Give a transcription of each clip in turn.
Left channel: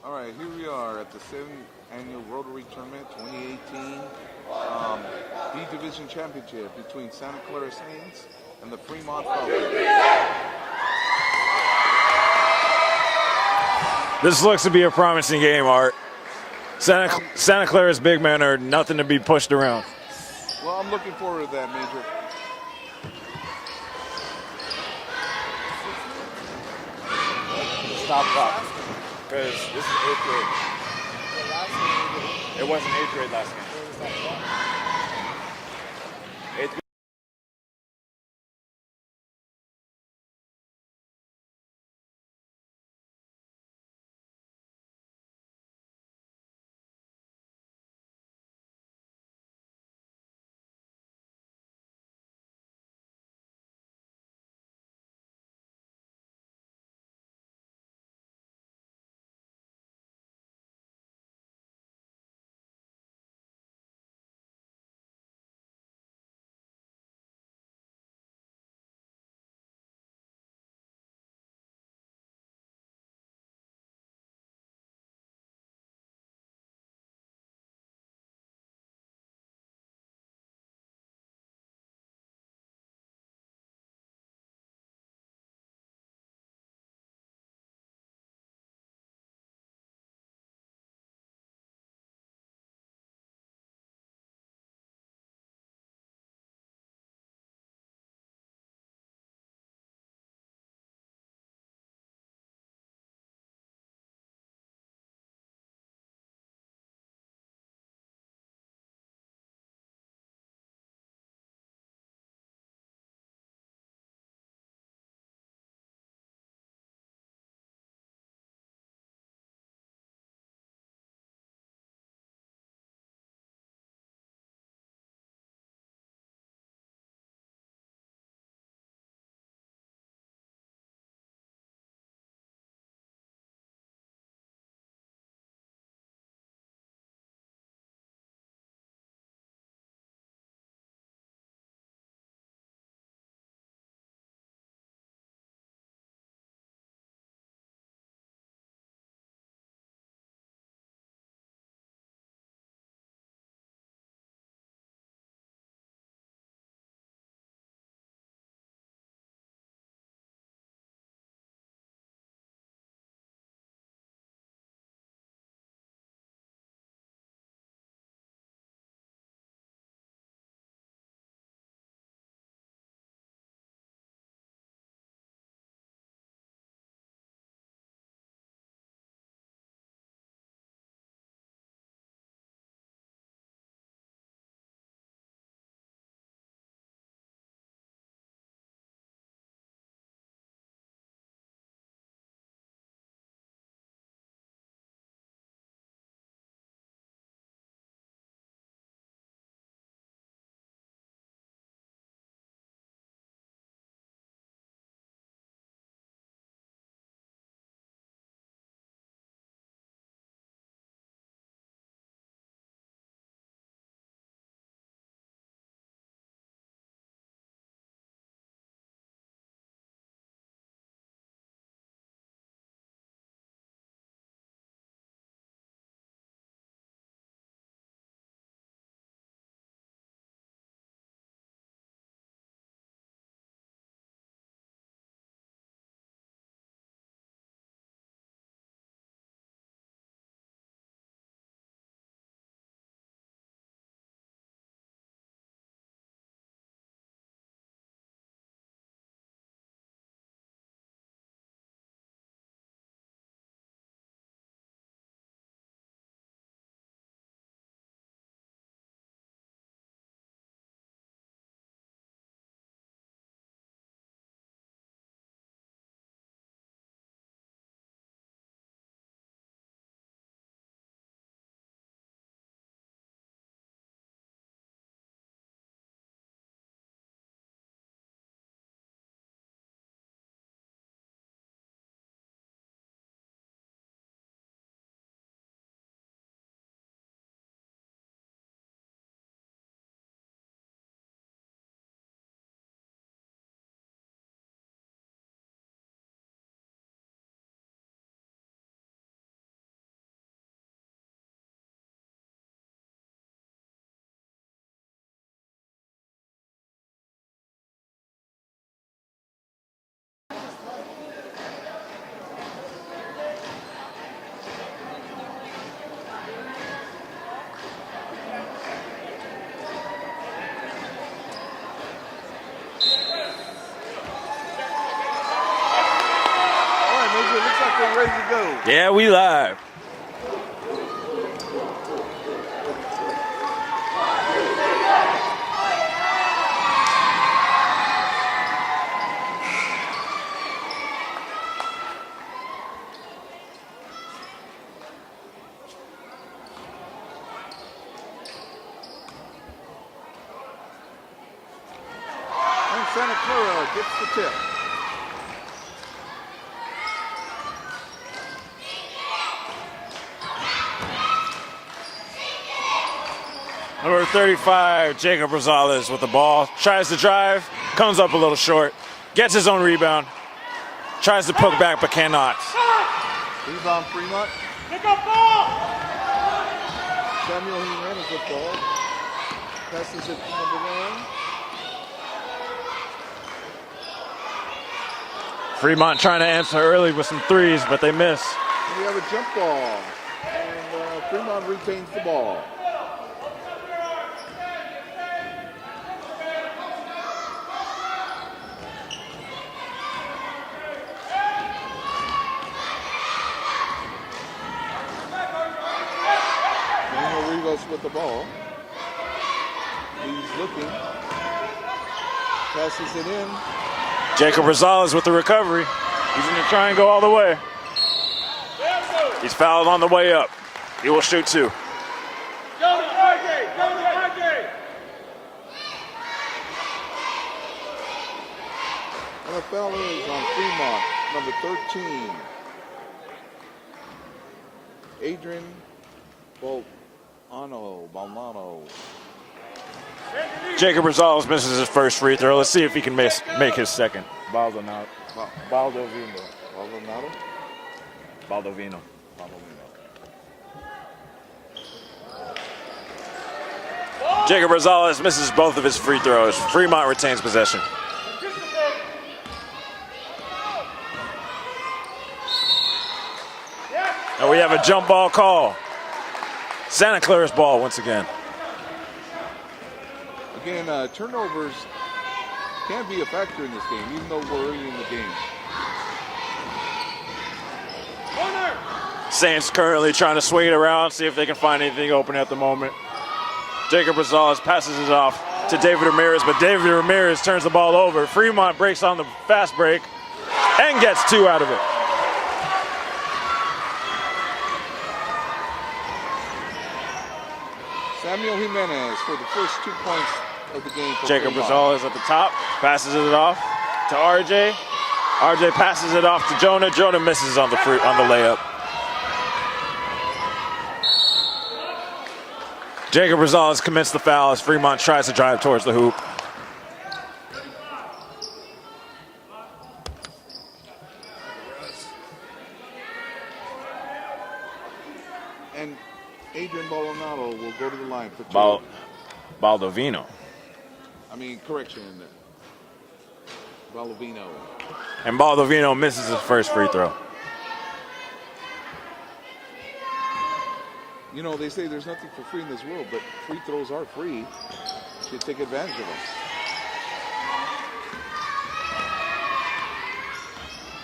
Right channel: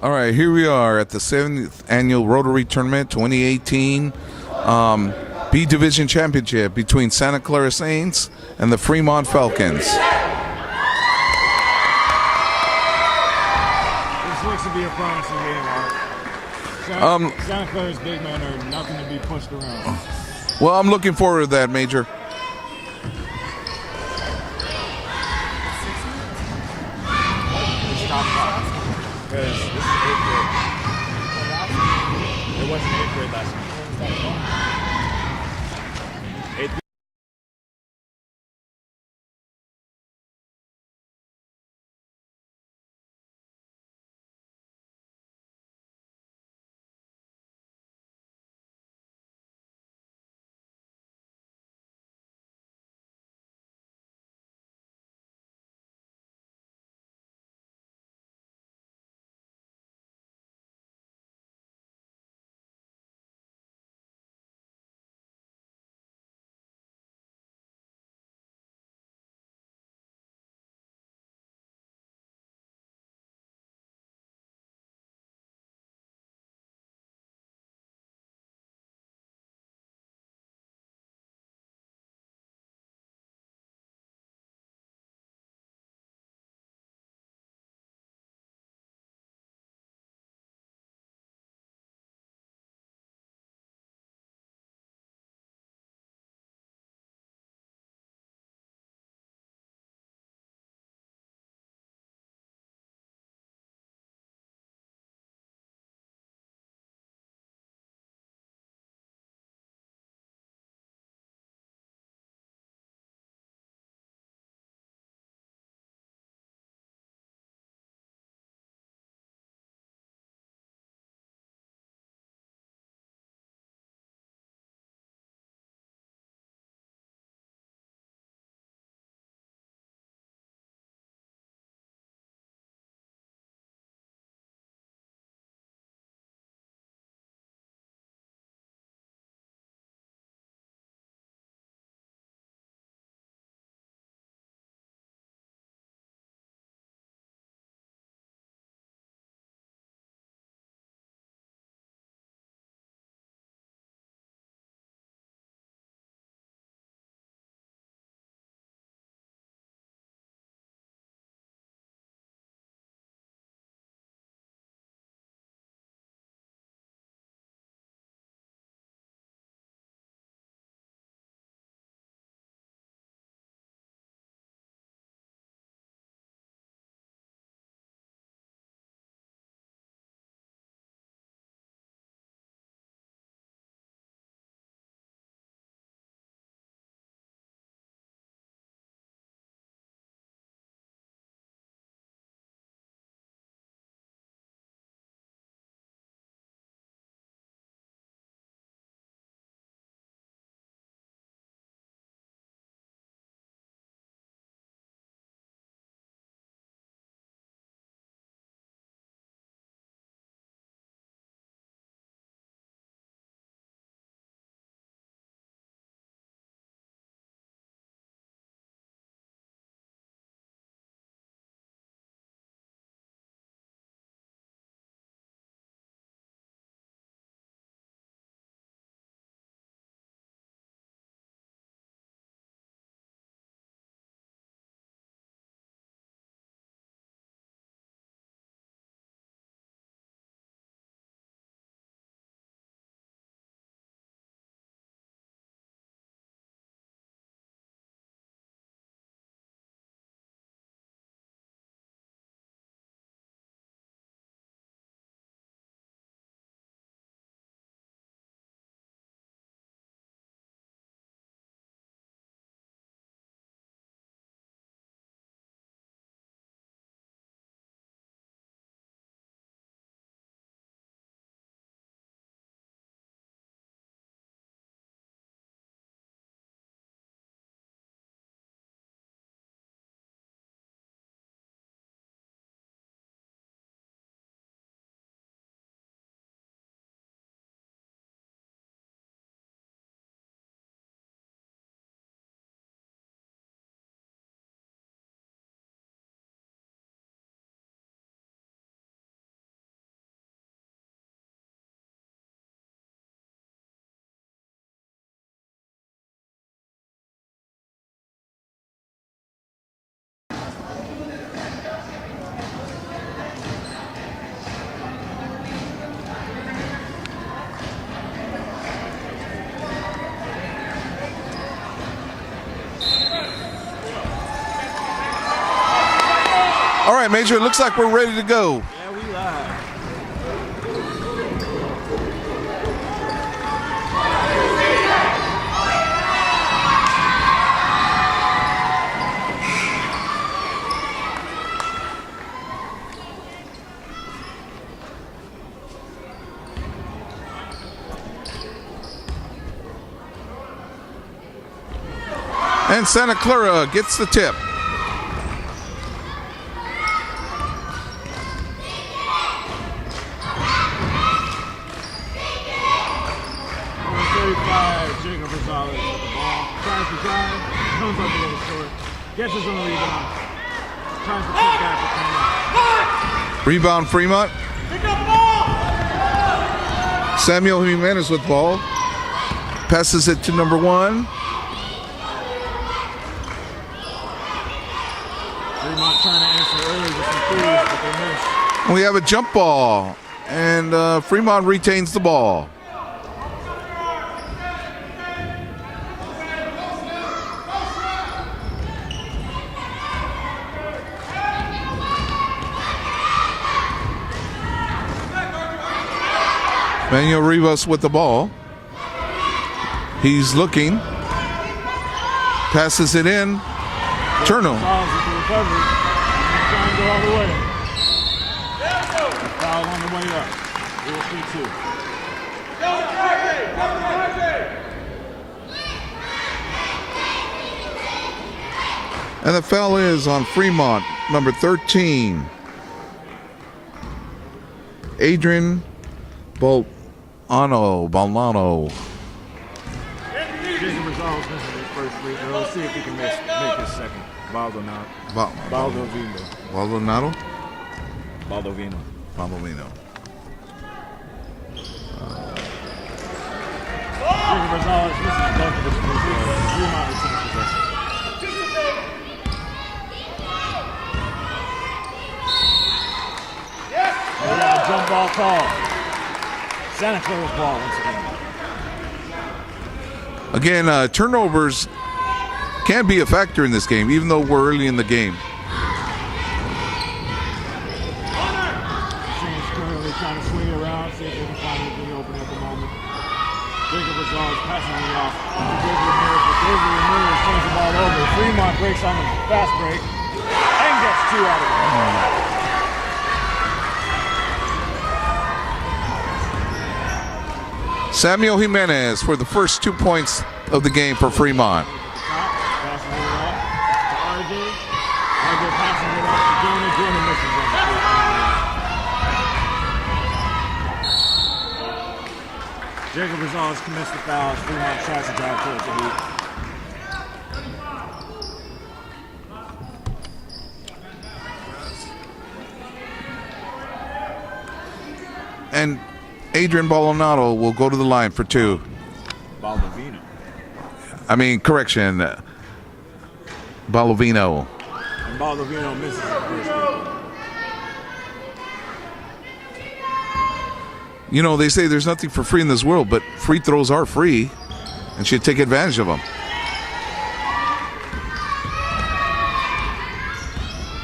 All right, here we are at the 7th Annual Rotary Tournament 2018 B Division Championship between Santa Clara Saints and the Fremont Falcons. This looks to be a promising game, Art. Santa Clara's big men are nothing to be pushed around. Well, I'm looking forward to that, Major. It wasn't 8th grade last game. Andrew, it looks like we're ready to go. Yeah, we live. And Santa Clara gets the tip. Number 35, Jacob Rosales with the ball. Tries to drive, comes up a little short, gets his own rebound, tries to put back but cannot. Rebound Fremont. Samuel Jimenez with ball. Passes it to number 1. Fremont trying to answer early with some threes, but they miss. We have a jump ball, and Fremont retains the ball. Manuel Rivas with the ball. He's looking. Passes it in. Jacob Rosales with the recovery. He's going to try and go all the way. He's fouled on the way up. He will shoot 2. And the foul is on Fremont, number 13. Adrian Balnano. Jacob Rosales misses his first free throw. Let's see if he can make his second. Baldonado? Baldovino. Jacob Rosales misses both of his free throws. Fremont retains possession. And we have a jump ball call. Santa Clara's ball once again. Again, turnovers can be a factor in this game, even though we're early in the game. Saints currently trying to swing it around, see if they can find anything open at the moment. Jacob Rosales passes it off to David Ramirez, but David Ramirez turns the ball over. Fremont breaks on the fast break and gets 2 out of it. Samuel Jimenez for the first 2 points of the game for Jacob Fremont. Rosales at the top, passes it off to RJ. RJ passes it off to Jonah. Jonah misses on the layup. Jacob Rosales commits the foul as Fremont tries to drive towards the hoop. And Adrian Baldonado will go to the line for 2. Baldovino. Correction. Baldovino. And Baldovino misses his first free throw. You know, they say there's nothing for free in this world, but free throws are free and should take advantage of them.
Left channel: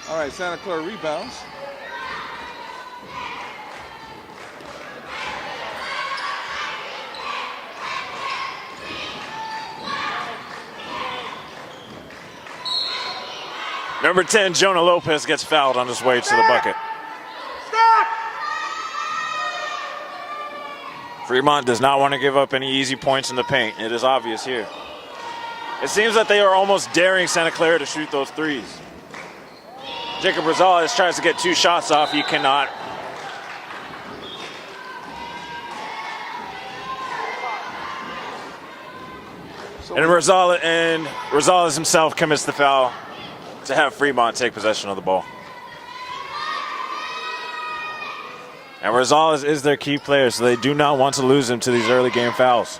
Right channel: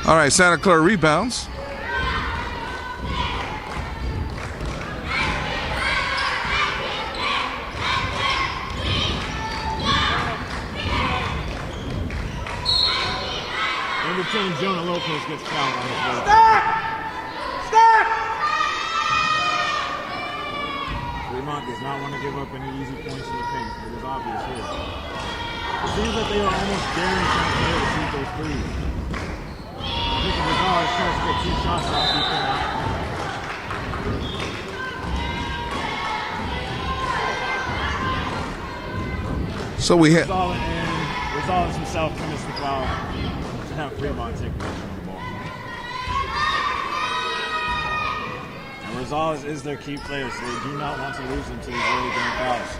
All right, Santa Clara rebounds. Number 10, Jonah Lopez gets fouled on his way to the bucket. Fremont does not want to give up any easy points in the paint. It is obvious here. It seems that they are almost daring Santa Clara to shoot those threes. Jacob Rosales tries to get 2 shots off. He cannot. So and Rosales himself commits the foul to have Fremont take possession of the ball. And Rosales is their key player, so they do not want to lose him to these early game fouls.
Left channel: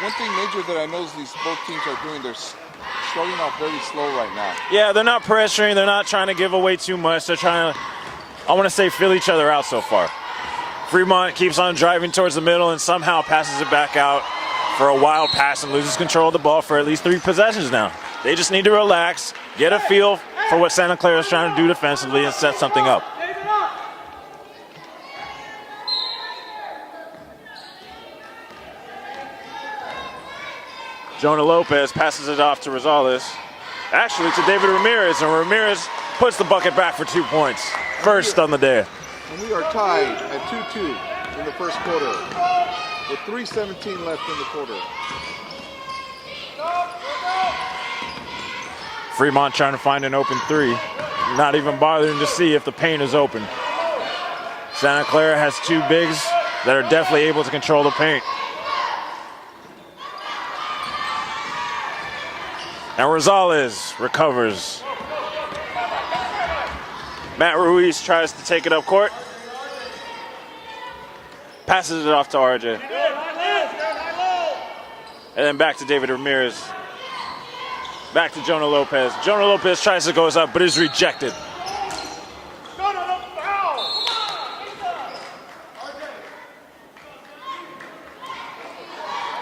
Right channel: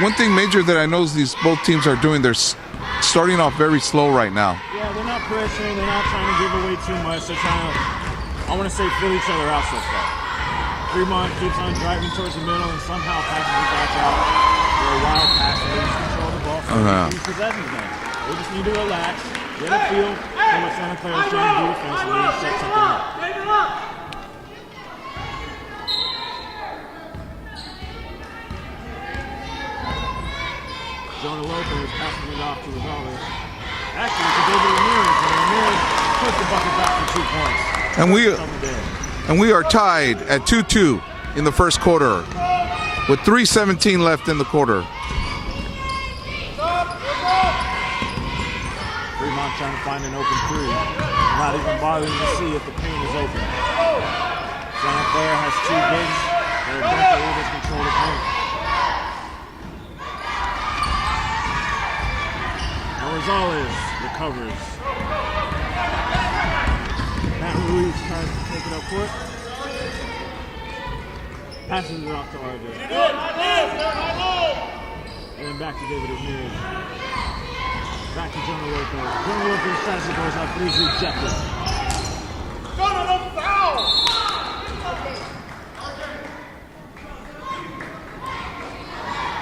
One thing major that I know is both teams are doing, they're starting off very slow right now. Yeah, they're not pressuring, they're not trying to give away too much. They're trying to, I want to say, fill each other out so far. Fremont keeps on driving towards the middle and somehow passes it back out for a wild pass and loses control of the ball for at least 3 possessions now. They just need to relax, get a feel for what Santa Clara is trying to do defensively and set something up. Jonah Lopez passes it off to Rosales. Actually, to David Ramirez, and Ramirez puts the bucket back for 2 points. First on the day. And we are tied at 2-2 in the first quarter with 3:17 left in the quarter. Fremont trying to find an open three. Not even bothering to see if the paint is open. Santa Clara has 2 bigs that are definitely able to control the paint. And Rosales recovers. Matt Ruiz tries to take it up court. Passes it off to RJ. And then back to David Ramirez. Back to Jonah Lopez. Jonah Lopez tries to go up, but is rejected.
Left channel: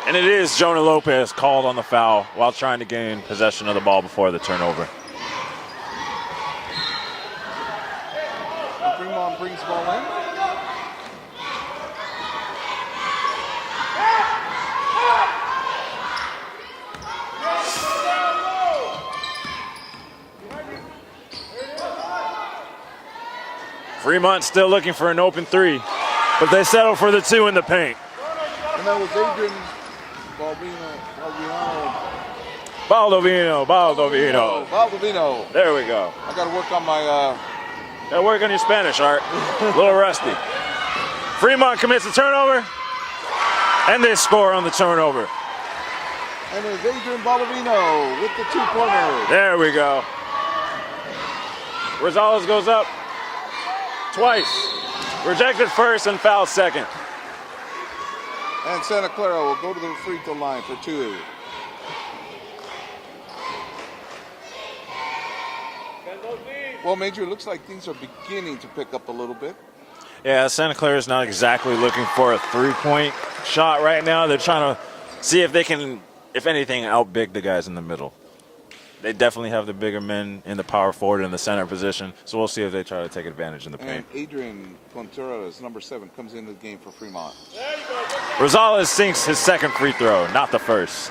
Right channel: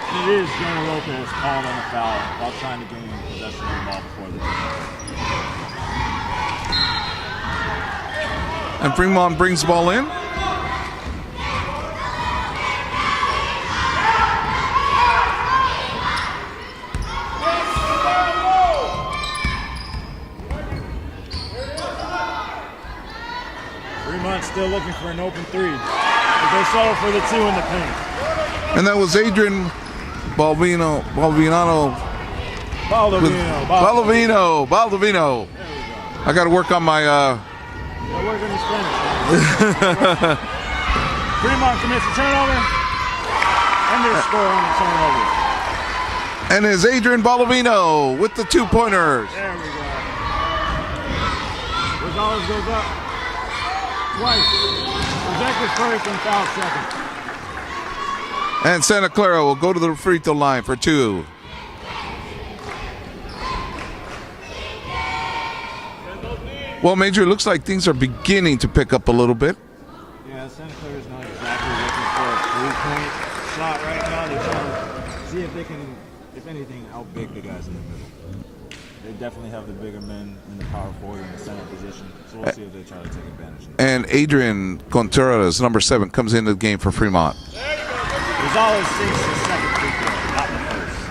And it is Jonah Lopez called on the foul while trying to gain possession of the ball before the turnover. And Fremont brings the ball in. Fremont still looking for an open three, but they settle for the 2 in the paint. And that was Adrian Baldovino. There we go. I got to work on my. Gotta work on your Spanish, Art. Little rusty. Fremont commits a turnover, and they score on the turnover. And is Adrian Baldovino with the 2-pointer. There we go. Rosales goes up twice. Rejected first and fouled second. And Santa Clara will go to the free throw line for 2. Well, Major, it looks like things are beginning to pick up a little bit. Yeah, Santa Clara is not exactly looking for a 3-point shot right now. They're trying to see if they can, if anything, outbig the guys in the middle. They definitely have the bigger men in the power forward and the center position, so we'll see if they try to take advantage in the And Adrian Contreras, number 7, comes into the game for Fremont. Rosales sinks his second free throw, not the first.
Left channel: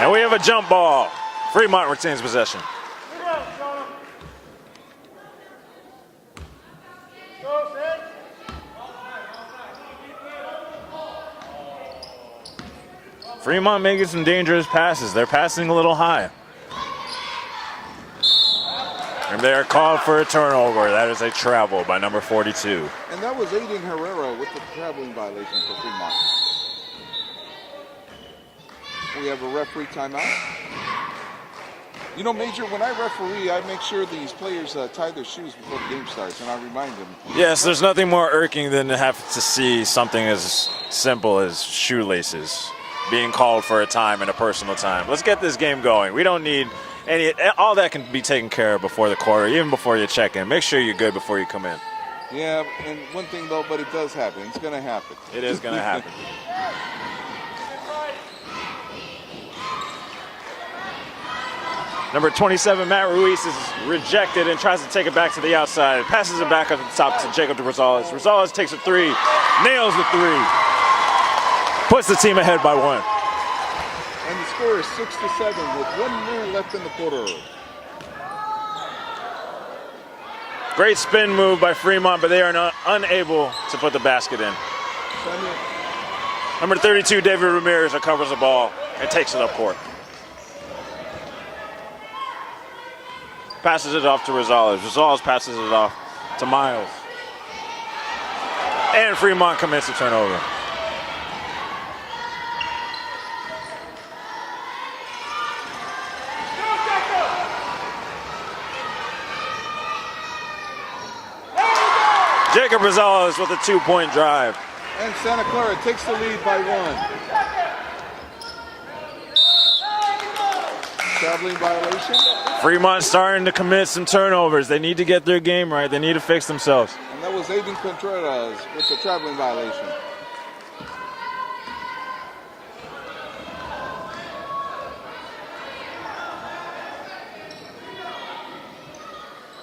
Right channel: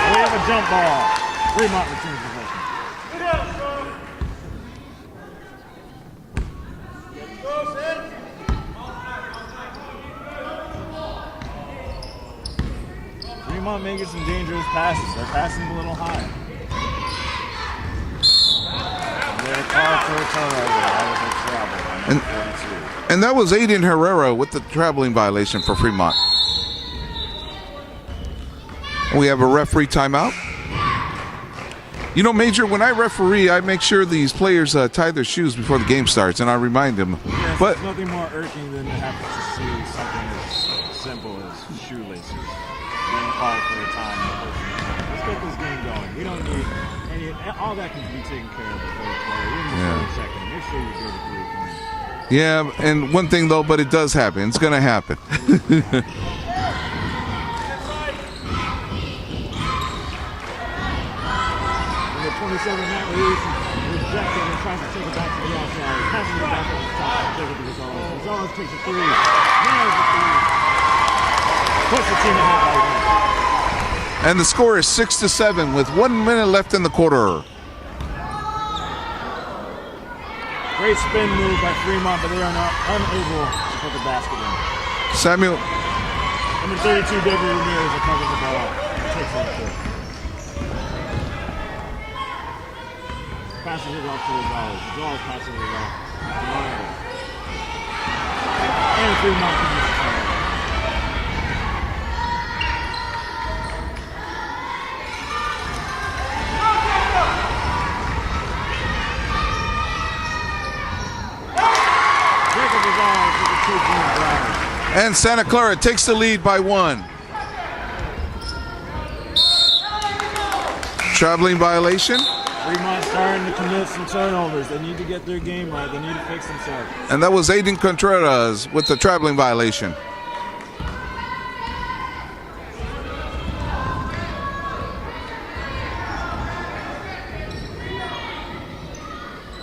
And we have a jump ball. Fremont retains possession. Fremont making some dangerous passes. They're passing a little high. And they're called for a turnover. That is a travel by number 42. And that was Aiden Herrera with the traveling violation for Fremont. We have a referee timeout. You know, Major, when I referee, I make sure these players tie their shoes before the game starts, and I remind them. Yes, there's nothing more irking than to have to see something as simple as shoelaces being called for a time and a personal time. Let's get this game going. We don't need any, all that can be taken care of before the quarter, even before you check in. Make sure you're good before you come in. Yeah, and one thing though, but it does happen. It's going to happen. It is going to happen. Number 27, Matt Ruiz, is rejected and tries to take it back to the outside. Passes it back up the top to Jacob de Rosales. Rosales takes a 3, nails the 3. Puts the team ahead by 1. And the score is 6-7 with 1 minute left in the quarter. Great spin move by Fremont, but they are not unable to put the basket in. Samuel. Number 32, David Ramirez, recovers the ball and takes it up court. Passes it off to Rosales. Rosales passes it off to Miles. And Fremont commits a turnover. Jacob Rosales with a 2-point drive. And Santa Clara takes the lead by 1. Traveling violation. Fremont starting to commit some turnovers. They need to get their game right. They need to fix themselves. And that was Aiden Contreras with the traveling violation.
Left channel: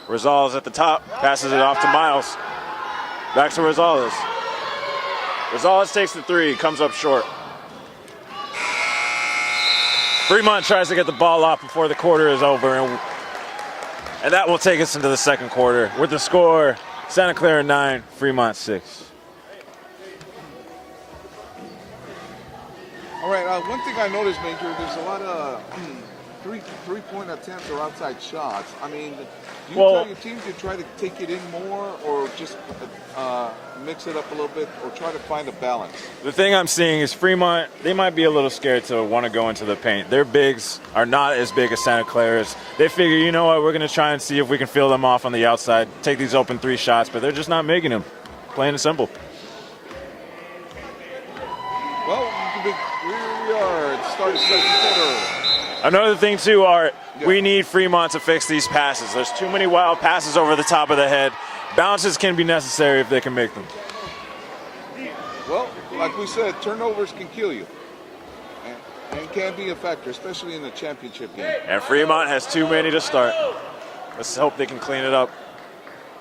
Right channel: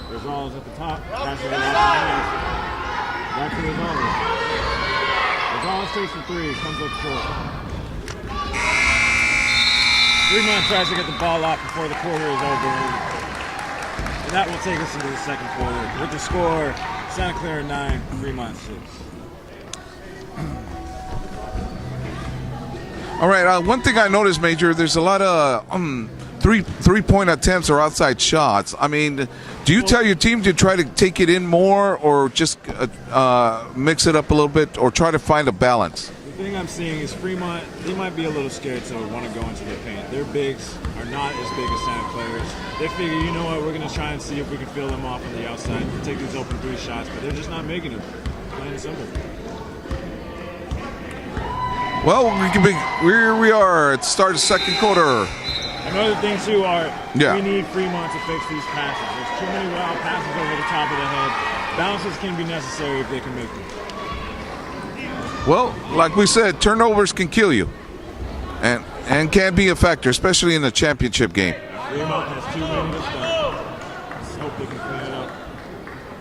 Rosales at the top, passes it off to Miles. Back to Rosales. Rosales takes the three, comes up short. Fremont tries to get the ball up before the quarter is over, and that will take us into the second quarter with the score, Santa Clara 9, Fremont 6. All right, one thing I noticed, Major, there's a lot of three-point attempts or outside shots. I mean, do you tell your team to try to take it in more or just mix it up a little bit or try to find a balance? The thing I'm seeing is Fremont, they might be a little scared to want to go into the paint. Their bigs are not as big as Santa Clara's. They figure, you know what, we're going to try and see if we can fill them off on the outside, take these open three shots, but they're just not making them. Plain and simple. Well, here we are at the start of the second quarter. Another thing, too, we need Fremont to fix these passes. There's too many wild passes over the top of the head. Bounces can be necessary if they can make them. Well, like we said, turnovers can kill you and can be a factor, especially in the championship game. And Fremont has too many to start. Let's hope they can clean it up.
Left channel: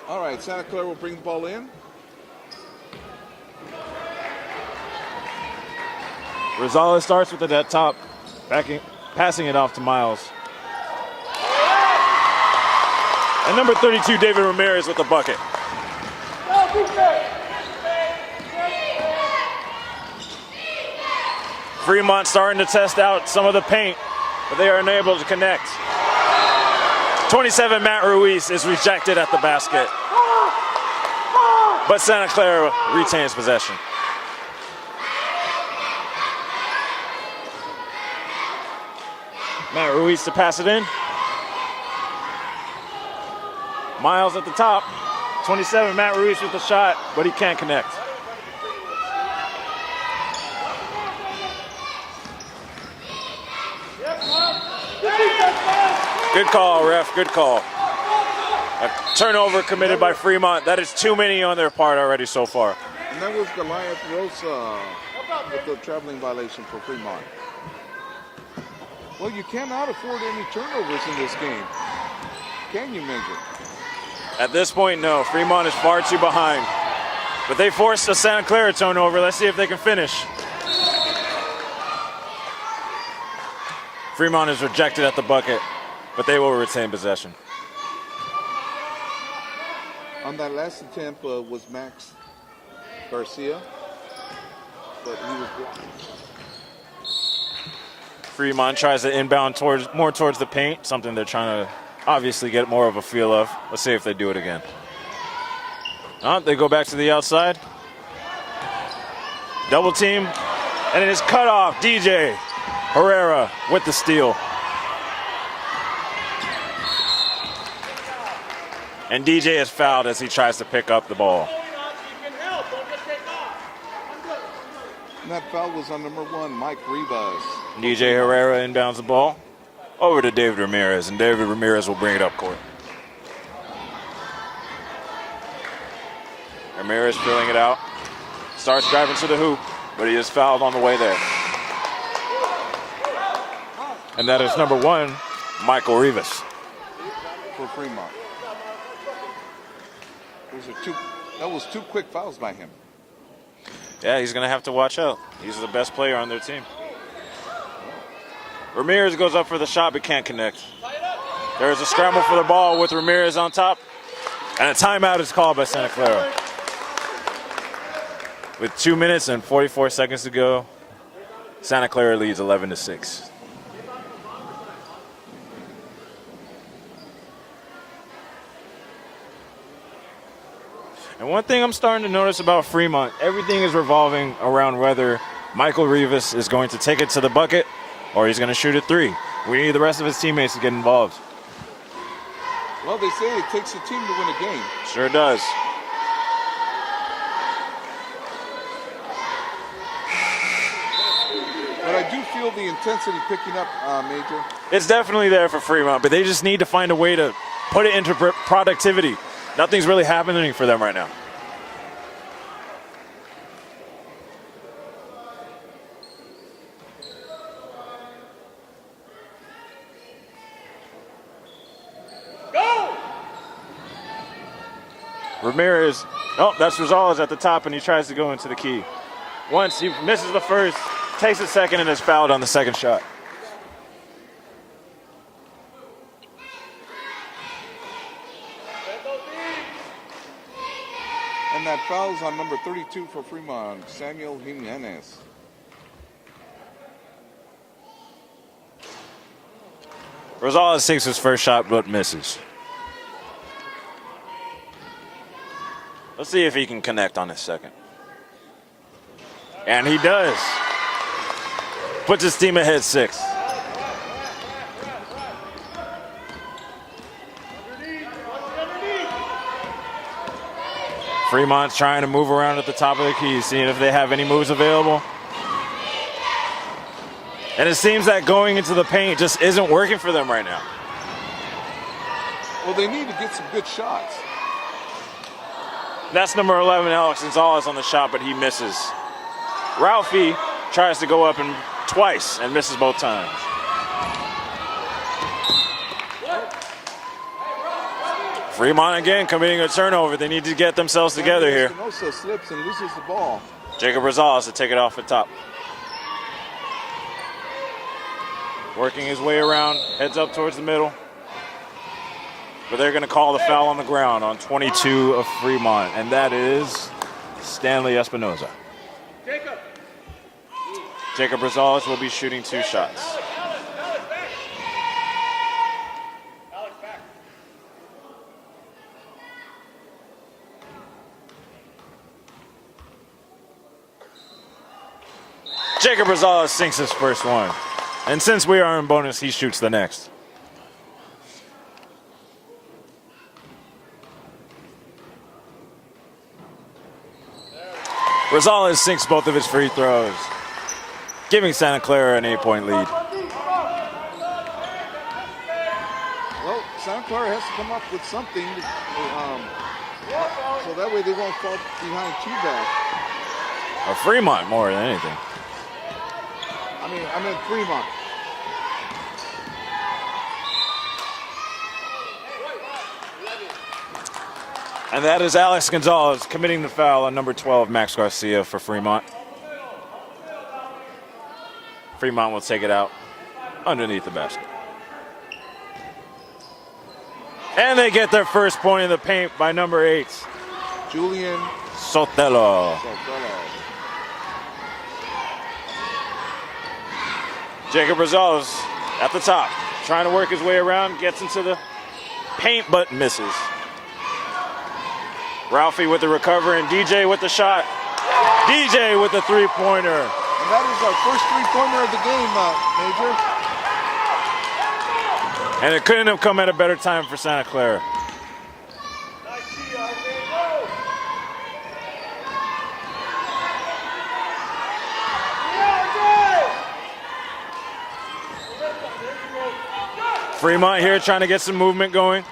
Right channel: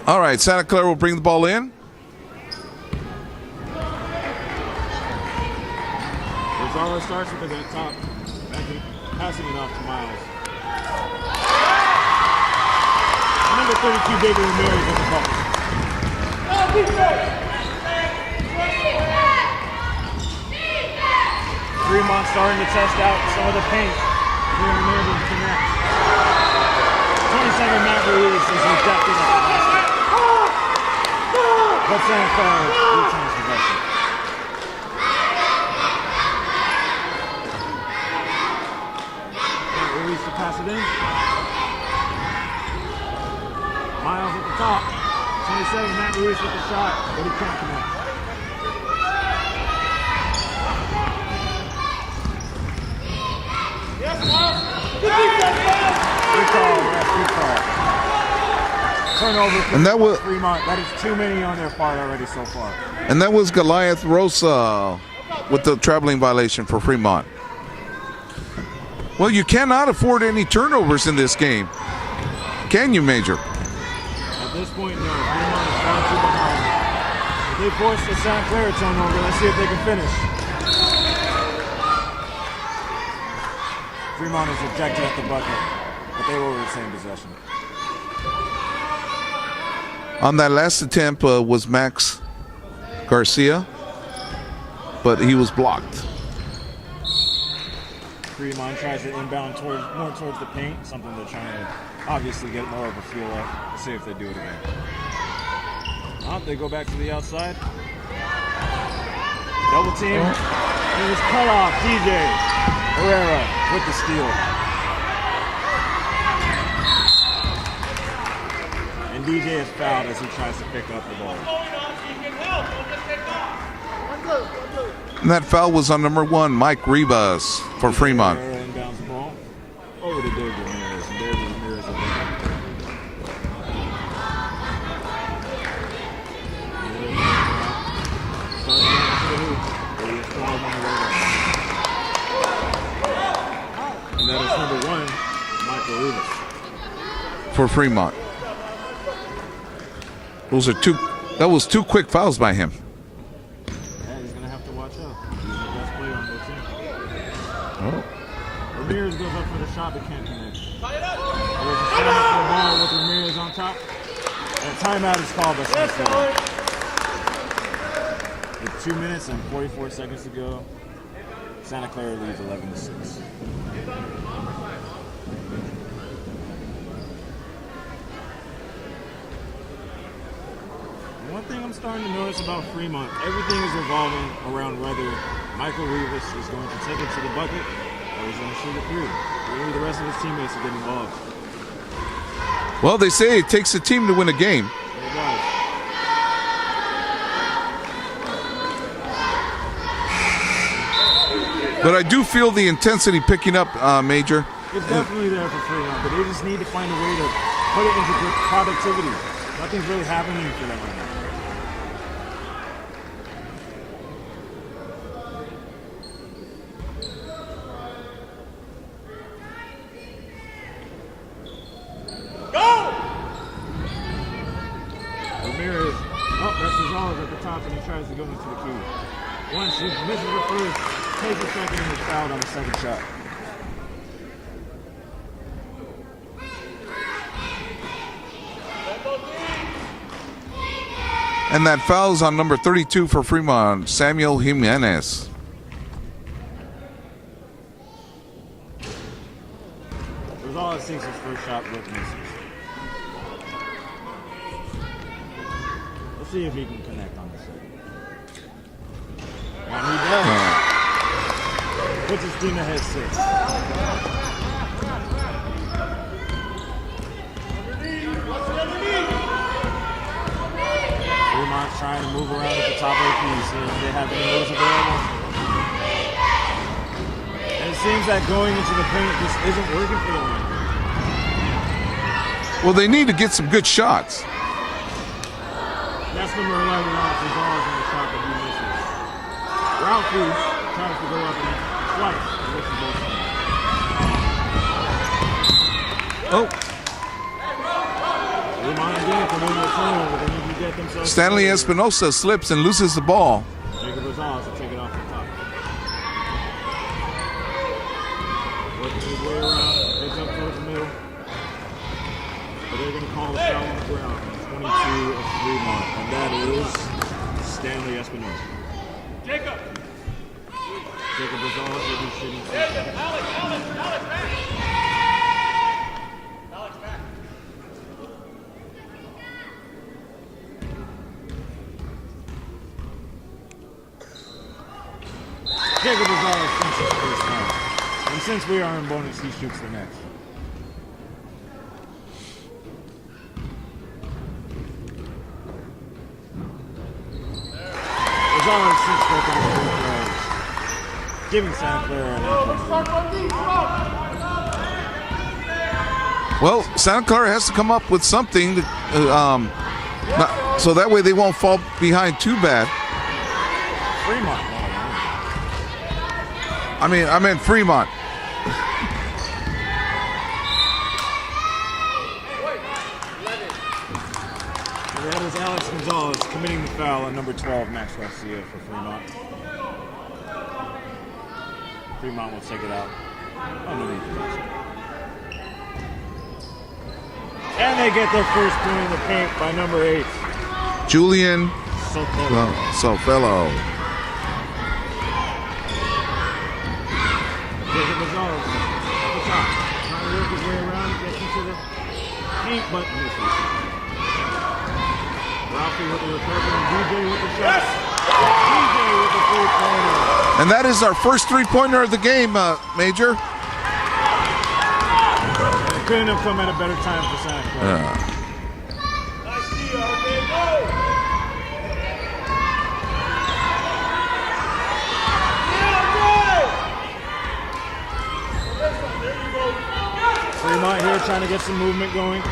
All right, Santa Clara will bring the ball in. Rosales starts with it at top, passing it off to Miles. And number 32, David Ramirez with the bucket. Fremont starting to test out some of the paint, but they are unable to connect. 27, Matt Ruiz is rejected at the basket. But Santa Clara retains possession. Matt Ruiz to pass it in. Miles at the top. 27, Matt Ruiz with the shot, but he can't connect. Good call, ref, good call. A turnover committed by Fremont. That is too many on their part already so far. And that was Goliath Rosa with the traveling violation for Fremont. Well, you cannot afford any turnovers in this game. Can you, Major? At this point, no. Fremont is far too behind. But they forced a Santa Clara turnover. Let's see if they can finish. Fremont is rejected at the bucket, but they will retain possession. On that last attempt was Max Garcia, but he was blocked. Fremont tries to inbound more towards the paint, something they're trying to obviously get more of a feel of. Let's see if they do it again. They go back to the outside. Double team, and it is cut off. DJ Herrera with the steal. And DJ is fouled as he tries to pick up the ball. And that foul was on number 1, Mike Rivas for DJ Fremont. Herrera inbounds the ball over to David Ramirez, and David Ramirez will bring it up court. Ramirez filling it out. Starts driving to the hoop, but he is fouled on the way there. And that is number 1, Michael Rivas. For Fremont. That was two quick fouls by him. Yeah, he's going to have to watch out. He's the best player on their team. Oh. Ramirez goes up for the shot but can't connect. There is a scramble for the ball with Ramirez on top. And a timeout is called by Santa Clara. With 2 minutes and 44 seconds to go, Santa Clara leads 11-6. And one thing I'm starting to notice about Fremont, everything is revolving around whether Michael Rivas is going to take it to the bucket or he's going to shoot a three. We need the rest of his teammates to get involved. Well, they say it takes a team to win a game. Sure does. But I do feel the intensity picking up, Major. It's definitely there for Fremont, but they just need to find a way to put it into productivity. Nothing's really happening for them right now. Ramirez, oh, that's Rosales at the top, and he tries to go into the key. Once he misses the first, takes the second, and is fouled on the second shot. And that foul is on number 32 for Fremont, Samuel Jimenez. Rosales takes his first shot, but misses. Let's see if he can connect on his second. And he does. Puts his team ahead 6. Fremont's trying to move around at the top of the key, seeing if they have any moves available. And it seems that going into the paint just isn't working for them right now. Well, they need to get some good shots. That's number 11, Alex Gonzalez on the shot, but he misses. Ralphie tries to go up twice and misses both times. Oh. Fremont again committing a turnover. They need to get themselves Stanley together here. Espinosa slips and loses the ball. Jacob Rosales to take it off the top. Working his way around, heads up towards the middle. But they're going to call the foul on the ground on 22 of Fremont, and that is Stanley Espinosa. Jacob Rosales will be shooting 2 shots. Jacob Rosales sinks his first one. And since we are in bonus, he shoots the next. Rosales sinks both of his free throws, giving Santa Clara an 8-point lead. Well, Santa Clara has to come up with something to, so that way they won't fall behind too bad. Well, Fremont more than anything. I meant Fremont. And that is Alex Gonzalez committing the foul on number 12, Max Garcia, for Fremont. Fremont will take it out underneath the basket. And they get their first point in the paint by number 8, Julian Sotelo. Sotelo. Jacob Rosales at the top, trying to work his way around, gets into the paint but misses. Ralphie with the recover and DJ with the shot. DJ with the 3-pointer. And that is our first 3-pointer of the game, Major. And it couldn't have come at a better time for Santa Clara. Yeah. Fremont here trying to get some movement going.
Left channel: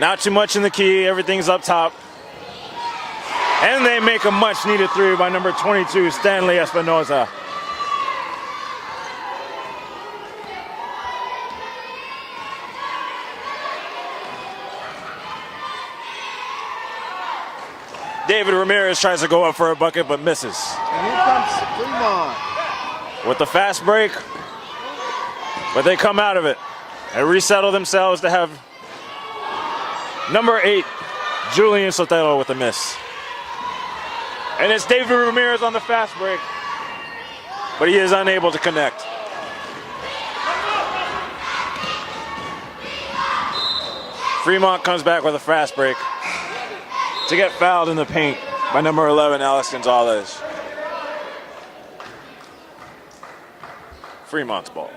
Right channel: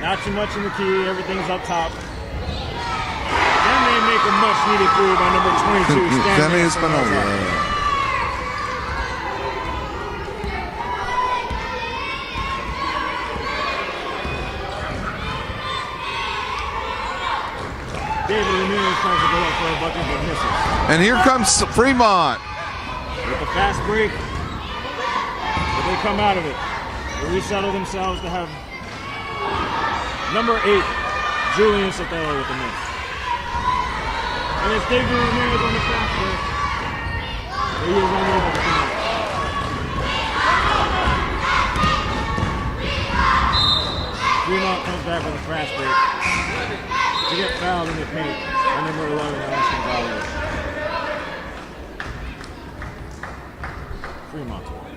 Not too much in the key, everything's up top. And they make a much needed 3 by number 22, Stanley Espinosa. David Ramirez tries to go up for a bucket but misses. And here comes Fremont. With the fast break, but they come out of it and resettle themselves to have number 8, Julian Sotelo with a miss. And it's David Ramirez on the fast break, but he is unable to connect. Fremont comes back with a fast break to get fouled in the paint by number 11, Alex Gonzalez. Fremont's ball.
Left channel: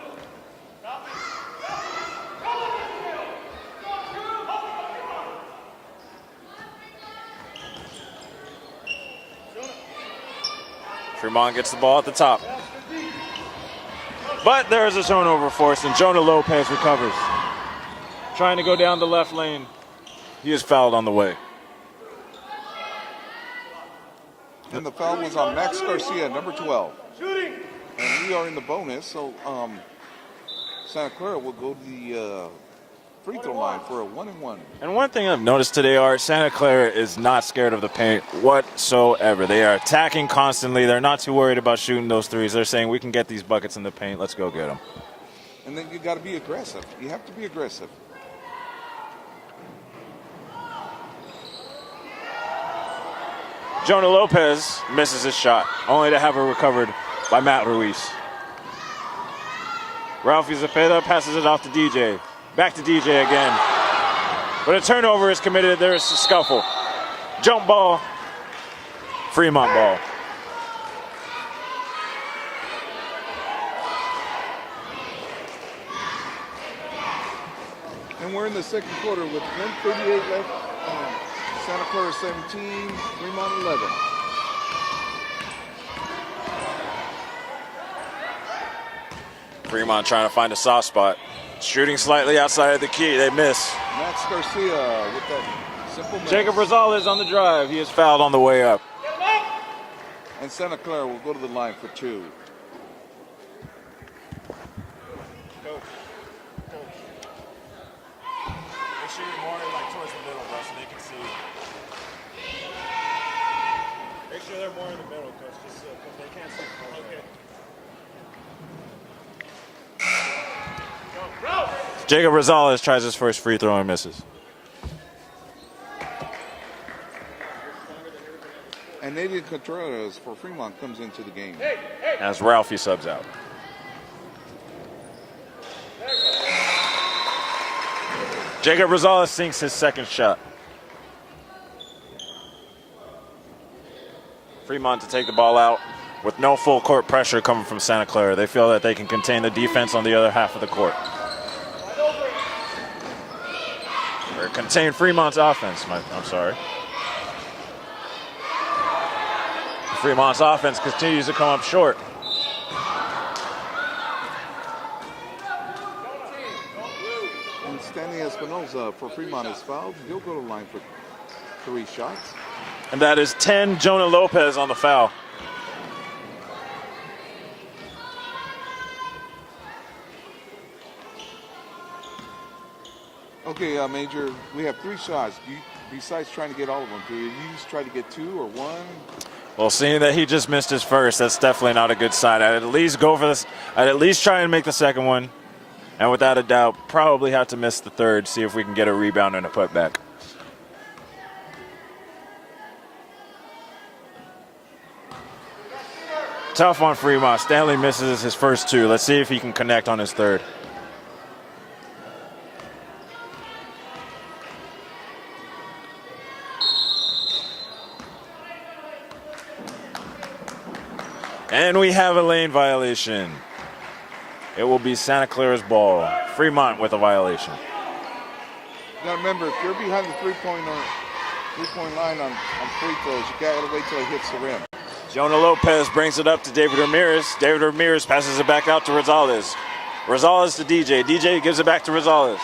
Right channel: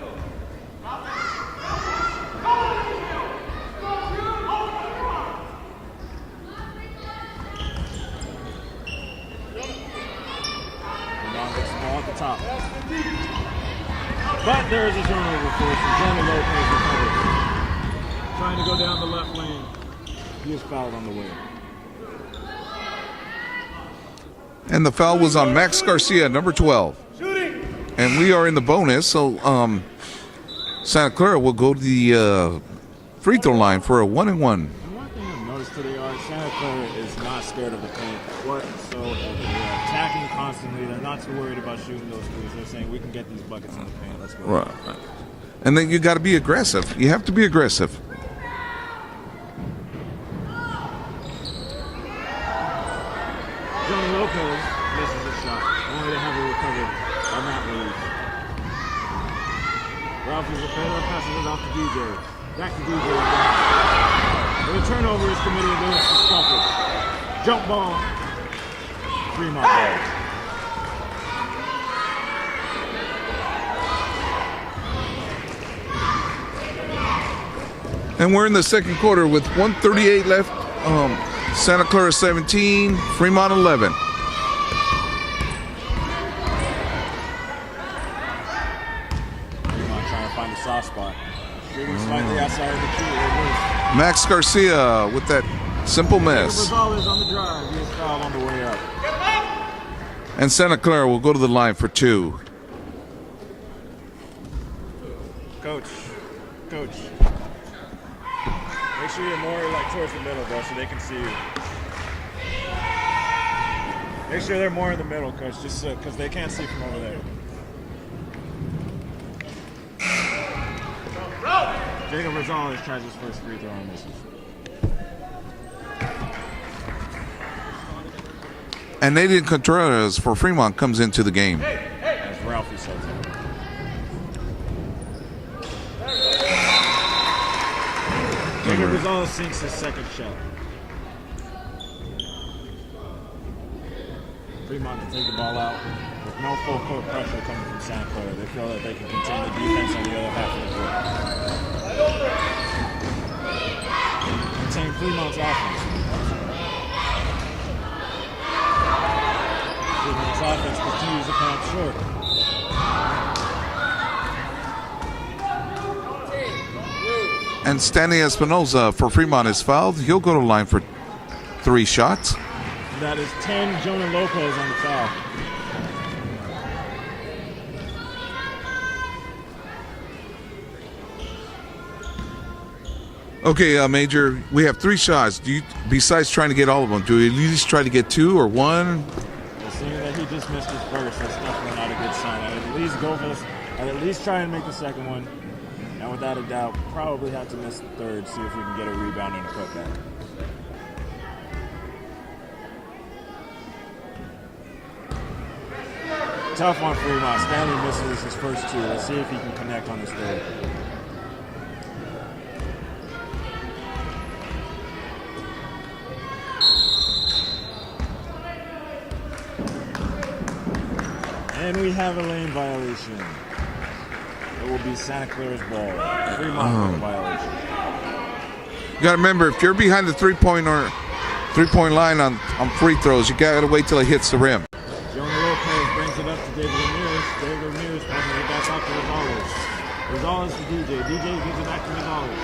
Fremont gets the ball at the top. But there is a turnover forced, and Jonah Lopez recovers. Trying to go down the left lane. He is fouled on the way. And the foul was on Max Garcia, number 12. And we are in the bonus, so Santa Clara will go to the free throw line for a 1-and-1. And one thing I've noticed today, Art, Santa Clara is not scared of the paint whatsoever. They are attacking constantly. They're not too worried about shooting those threes. They're saying, we can get these buckets in the paint. Let's go get them. And then you got to be aggressive. You have to be aggressive. Jonah Lopez misses his shot, only to have it recovered by Matt Ruiz. Ralphie Zepeda passes it off to DJ. Back to DJ again. But a turnover is committed. There is a scuffle. Jump ball. Fremont ball. And we're in the second quarter with 1:38 left. Santa Clara 17, Fremont 11. Fremont trying to find a soft spot. Shooting slightly outside of the key. They miss. Max Garcia with that simple miss. Jacob Rosales on the drive. He is fouled on the way up. And Santa Clara will go to the line for 2. Coach. Make sure you're more like towards the middle, bro, so they can see you. Make sure they're more in the middle, Coach, just because they can't see from over there. Jacob Rosales tries his first free throw and misses. And Nathan Contreras for Fremont comes into the game. As Ralphie subs out. Jacob Rosales sinks his second shot. Fremont to take the ball out with no full court pressure coming from Santa Clara. They feel that they can contain the defense on the other half of the court. Or contain Fremont's offense, I'm sorry. Fremont's offense continues to come up short. And Stanley Espinoza for Fremont is fouled. He'll go to the line for 3 shots. And that is 10, Jonah Lopez on the foul. Okay, Major, we have 3 shots. Do you, besides trying to get all of them, do we at least try to get 2 or 1? Well, seeing that he just missed his first, that's definitely not a good sign. I'd at least go for this. I'd at least try and make the second one. And without a doubt, probably have to miss the third, see if we can get a rebound and a putback. Tough on Fremont. Stanley misses his first 2. Let's see if he can connect on his third. And we have a lane violation. It will be Santa Clara's ball. Fremont with a violation. You got to remember, if you're behind the three-point line on free throws, you got to wait till it hits the rim. Jonah Lopez brings it up to David Ramirez. David Ramirez passes it back out to Rosales. Rosales to DJ. DJ gives it back to Rosales.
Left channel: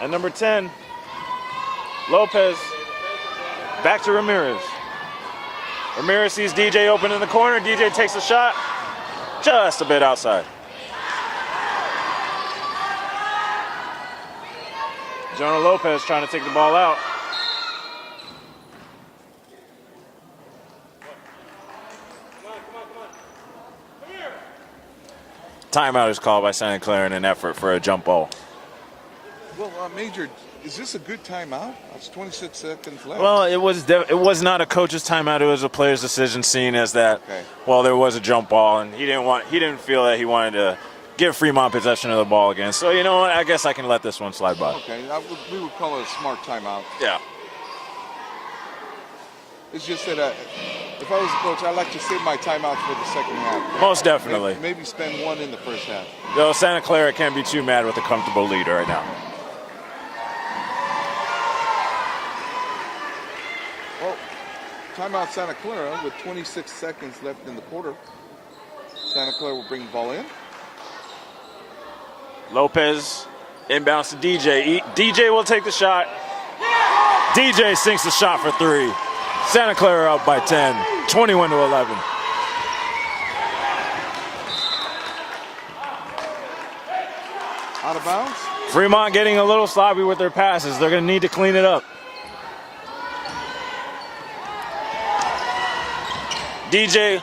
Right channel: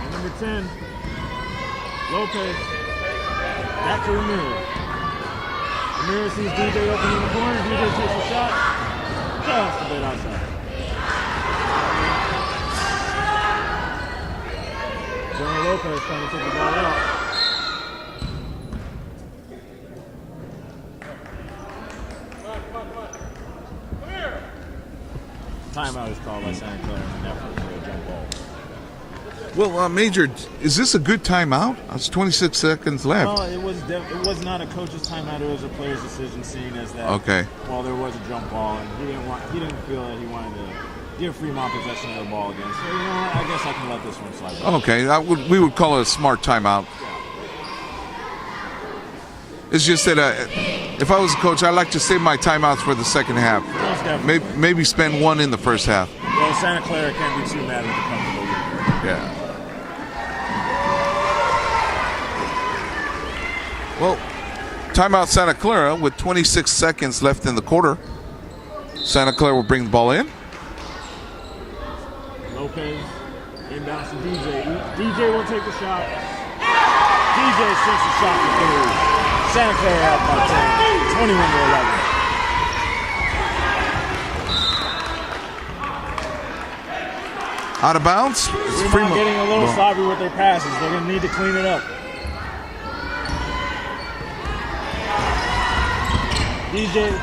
And number 10, Lopez, back to Ramirez. Ramirez sees DJ open in the corner. DJ takes a shot, just a bit outside. Jonah Lopez trying to take the ball out. Timeout is called by Santa Clara in an effort for a jump ball. Well, Major, is this a good timeout? It's 26 seconds left. Well, it was not a coach's timeout. It was a player's decision, seeing as that. Okay. Well, there was a jump ball, and he didn't feel that he wanted to give Fremont possession of the ball again. So you know what? I guess I can let this one slide by. Okay, we would call it a smart timeout. Yeah. It's just that if I was a coach, I'd like to save my timeouts for the second half. Most definitely. Maybe spend 1 in the first half. Though Santa Clara can't be too mad with a comfortable lead right now. Yeah. Well, timeout Santa Clara with 26 seconds left in the quarter. Santa Clara will bring the ball in. Lopez inbounds to DJ. DJ will take the shot. DJ sinks the shot for 3. Santa Clara up by 10, 21-11. Out of bounds. Fremont getting a little sloppy with their passes. They're going to need to clean it up. DJ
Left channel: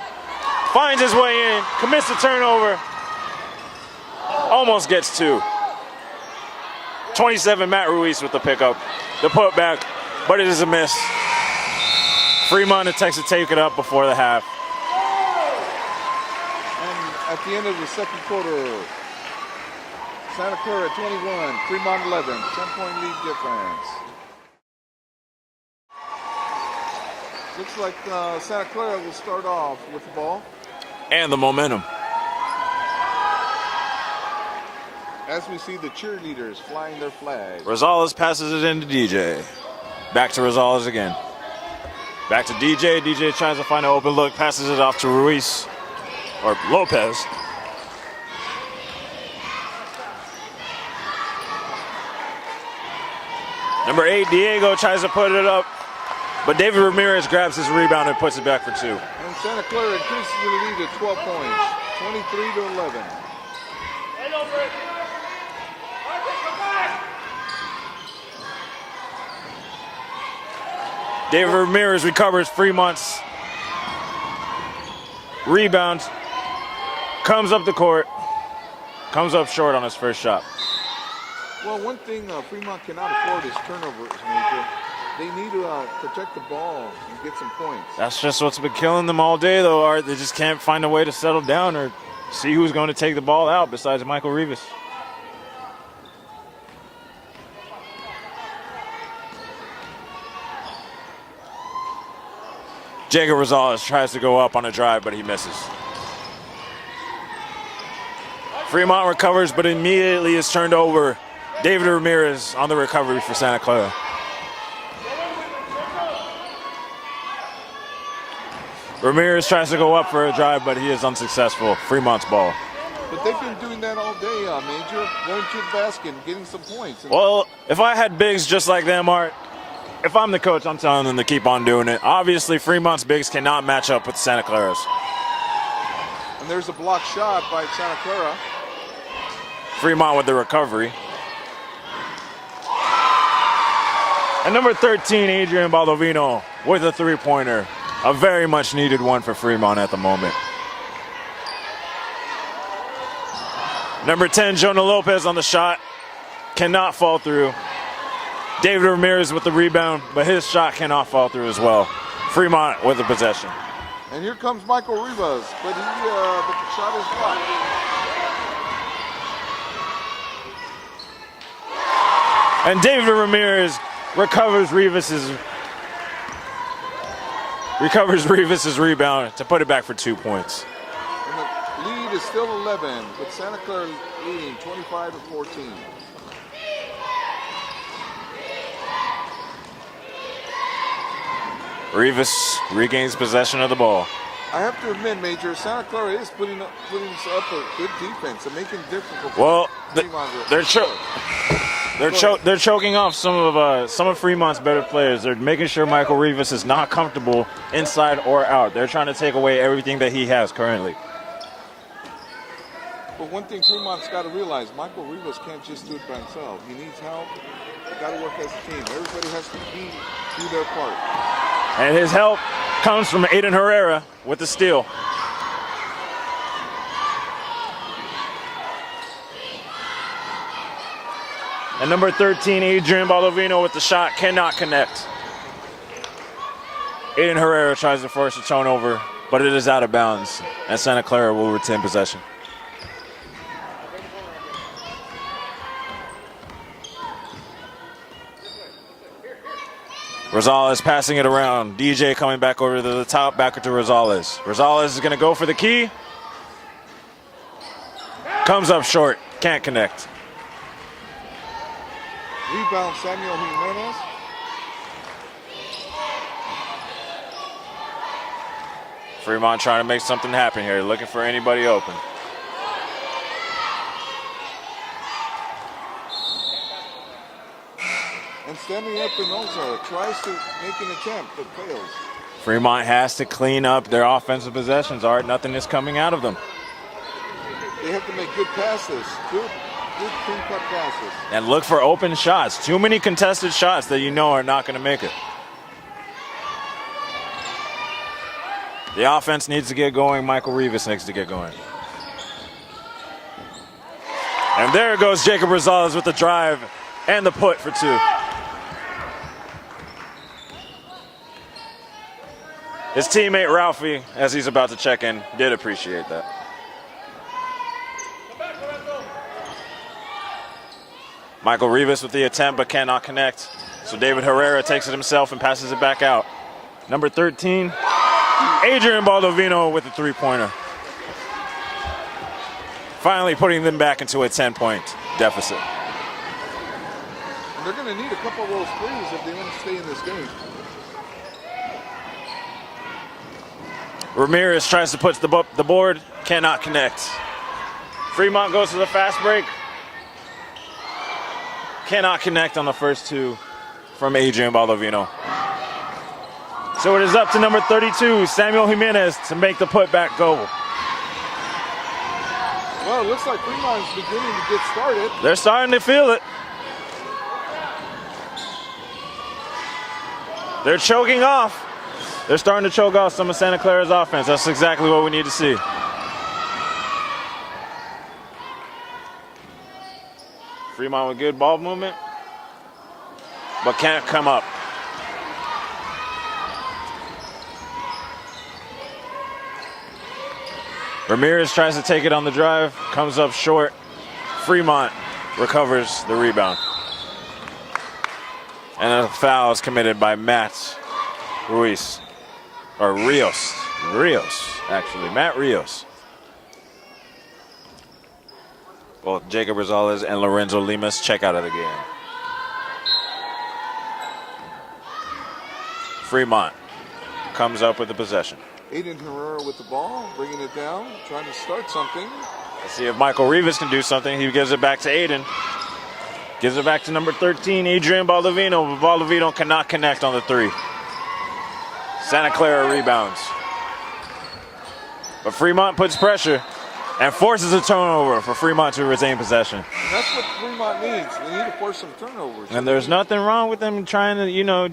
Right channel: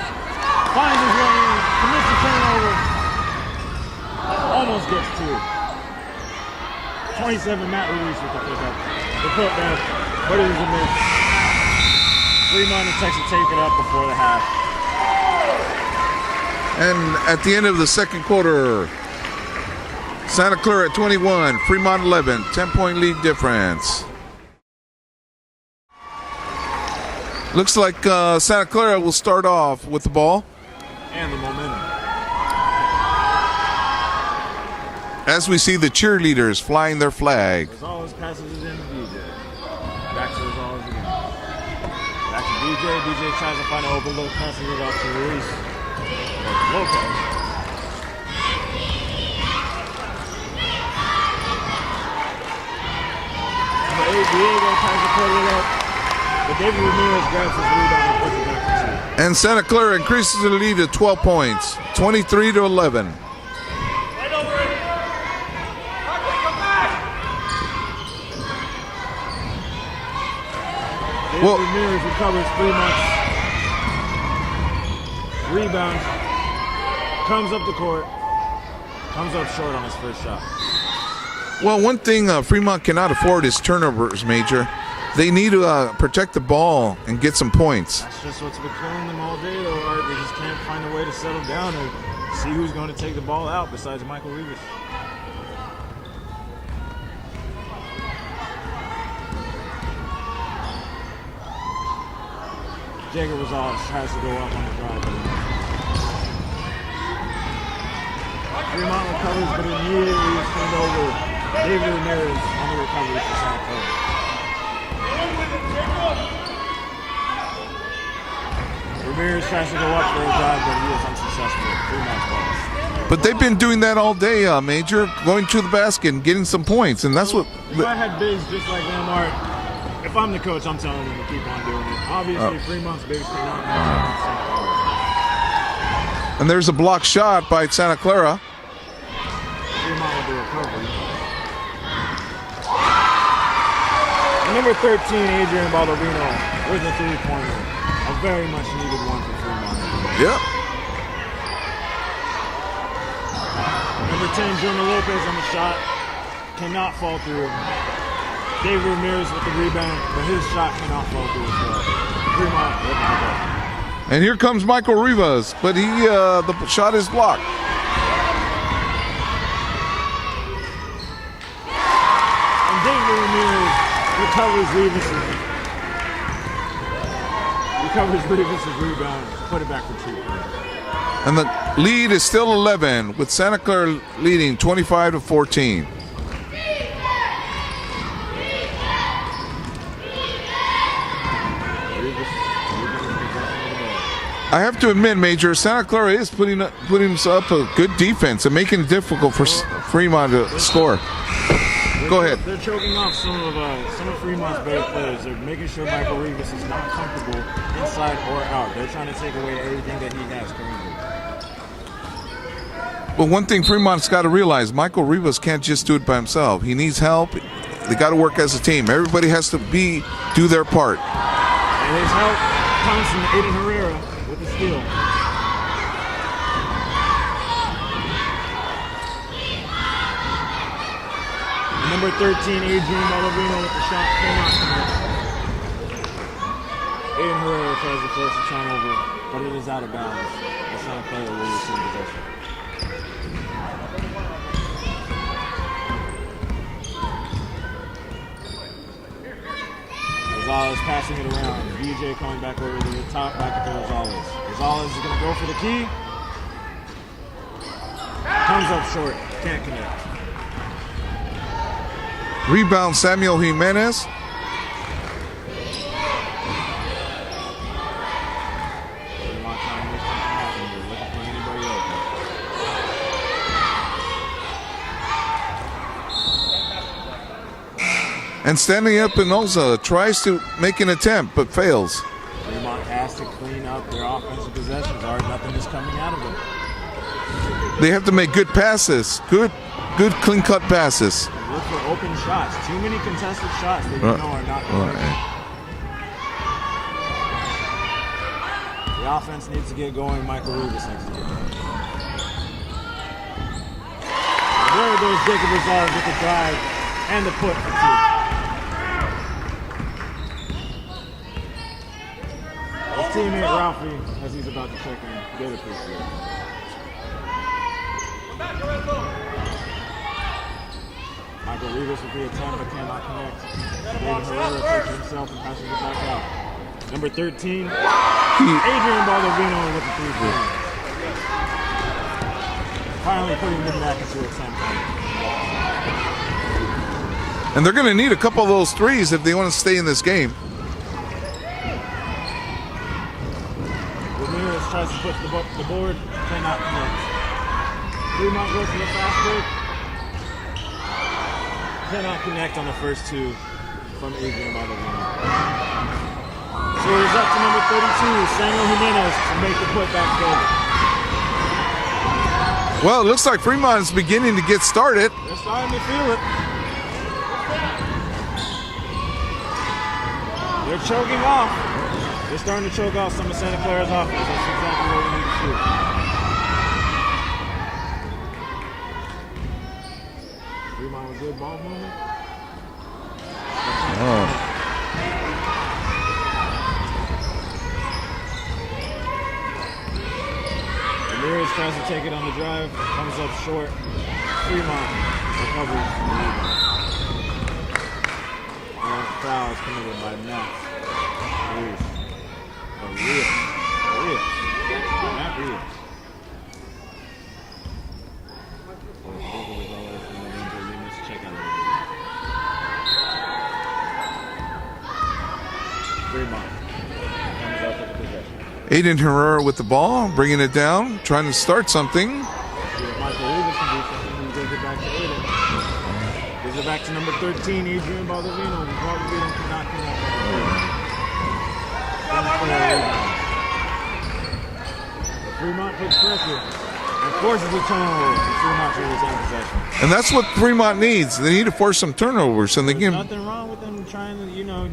finds his way in, commits the turnover, almost gets 2. 27, Matt Ruiz with the pickup. The putback, but it is a miss. Fremont attempts to take it up before the half. And at the end of the second quarter, Santa Clara at 21, Fremont 11, 10-point lead difference. Looks like Santa Clara will start off with the ball. And the momentum. As we see the cheerleaders flying their flag. Rosales passes it into DJ. Back to Rosales again. Back to DJ. DJ tries to find an open look, passes it off to Ruiz. Or Lopez. Number 8, Diego tries to put it up, but David Ramirez grabs his rebound and puts it back for 2. And Santa Clara increases the lead to 12 points, 23-11. David Ramirez recovers Fremont's rebound, comes up the court, comes up short on his first shot. Well, one thing Fremont cannot afford is turnovers, Major. They need to protect the ball and get some points. That's just what's been killing them all day, though, Art. They just can't find a way to settle down or see who's going to take the ball out besides Michael Rivas. Jacob Rosales tries to go up on a drive, but he misses. Fremont recovers, but immediately is turned over. David Ramirez on the recovery for Santa Clara. Ramirez tries to go up for a drive, but he is unsuccessful. Fremont's ball. But they've been doing that all day, Major, going to the basket and getting some points. And that's what. If I had bigs just like them, Art, if I'm the coach, I'm telling them to keep on doing it. Obviously, Fremont's bigs cannot match up with Santa Clara's. And there's a blocked shot by Santa Clara. Fremont with the recovery. And number 13, Adrian Baldovino with a three-pointer. A very much needed one for Fremont at the moment. Yep. Number 10, Jonah Lopez on the shot. Cannot fall through. David Ramirez with the rebound, but his shot cannot fall through as well. Fremont with the possession. And here comes Michael Rivas, but the shot is blocked. And David Ramirez recovers Rivas' rebound to put it back for 2 points. And the lead is still 11, with Santa Clara leading 25-14. Rivas regains possession of the ball. I have to admit, Major, Santa Clara is putting up a good defense and making it difficult for Fremont to score. They're choking off some of Fremont's better players. They're making sure Michael Rivas is not comfortable inside or out. They're trying to take away everything that he has currently. But one thing Fremont's got to realize, Michael Rivas can't just do it by himself. He needs help. They got to work as a team. Everybody has to do their part. And his help comes from Aiden Herrera with the steal. And number 13, Adrian Baldovino with the shot, cannot connect. Aiden Herrera tries to force a turnover, but it is out of bounds, and Santa Clara will retain possession. Rosales passing it around. DJ coming back over to the top, back to Rosales. Rosales is going to go for the key. Comes up short, can't connect. Rebound, Samuel Jimenez. Fremont trying to make something happen here, looking for anybody open. And standing up Espinosa tries to make an attempt, but fails. Fremont has to clean up their offensive possessions, or nothing is coming out of them. They have to make good passes, good clean-cut passes. And look for open shots. Too many contested shots that you know are not going to make it. The offense needs to get going. Michael Rivas needs to get going. And there goes Jacob Rosales with the drive and the put for 2. His teammate Ralphie, as he's about to check in, did appreciate that. Michael Rivas with the attempt but cannot connect. So David Herrera takes it himself and passes it back out. Number 13, Adrian Baldovino with the 3-pointer. Finally putting them back into a 10-point deficit. And they're going to need a couple of those threes if they want to stay in this game. Ramirez tries to put the board, cannot connect. Fremont goes to the fast break. Cannot connect on the first 2 from Adrian Baldovino. So it is up to number 32, Samuel Jimenez, to make the put back over. Well, it looks like Fremont is beginning to get started. They're starting to feel it. They're choking off. They're starting to choke off some of Santa Clara's offense. That's exactly what we need to see. Fremont with good ball movement, but can't come up. Ramirez tries to take it on the drive, comes up short. Fremont recovers the rebound. And a foul is committed by Matt Rios, actually, Matt Rios. Both Jacob Rosales and Lorenzo Limas check out of the game. Fremont comes up with the possession. Aiden Herrera with the ball, bringing it down, trying to start something. See if Michael Rivas can do something. He gives it back to Aiden. Gives it back to number 13, Adrian Baldovino. But Baldovino cannot connect on the 3. Santa Clara rebounds. But Fremont puts pressure and forces a turnover for Fremont to retain possession. And that's what Fremont needs. They need to force some turnovers. And there's nothing wrong with them trying to,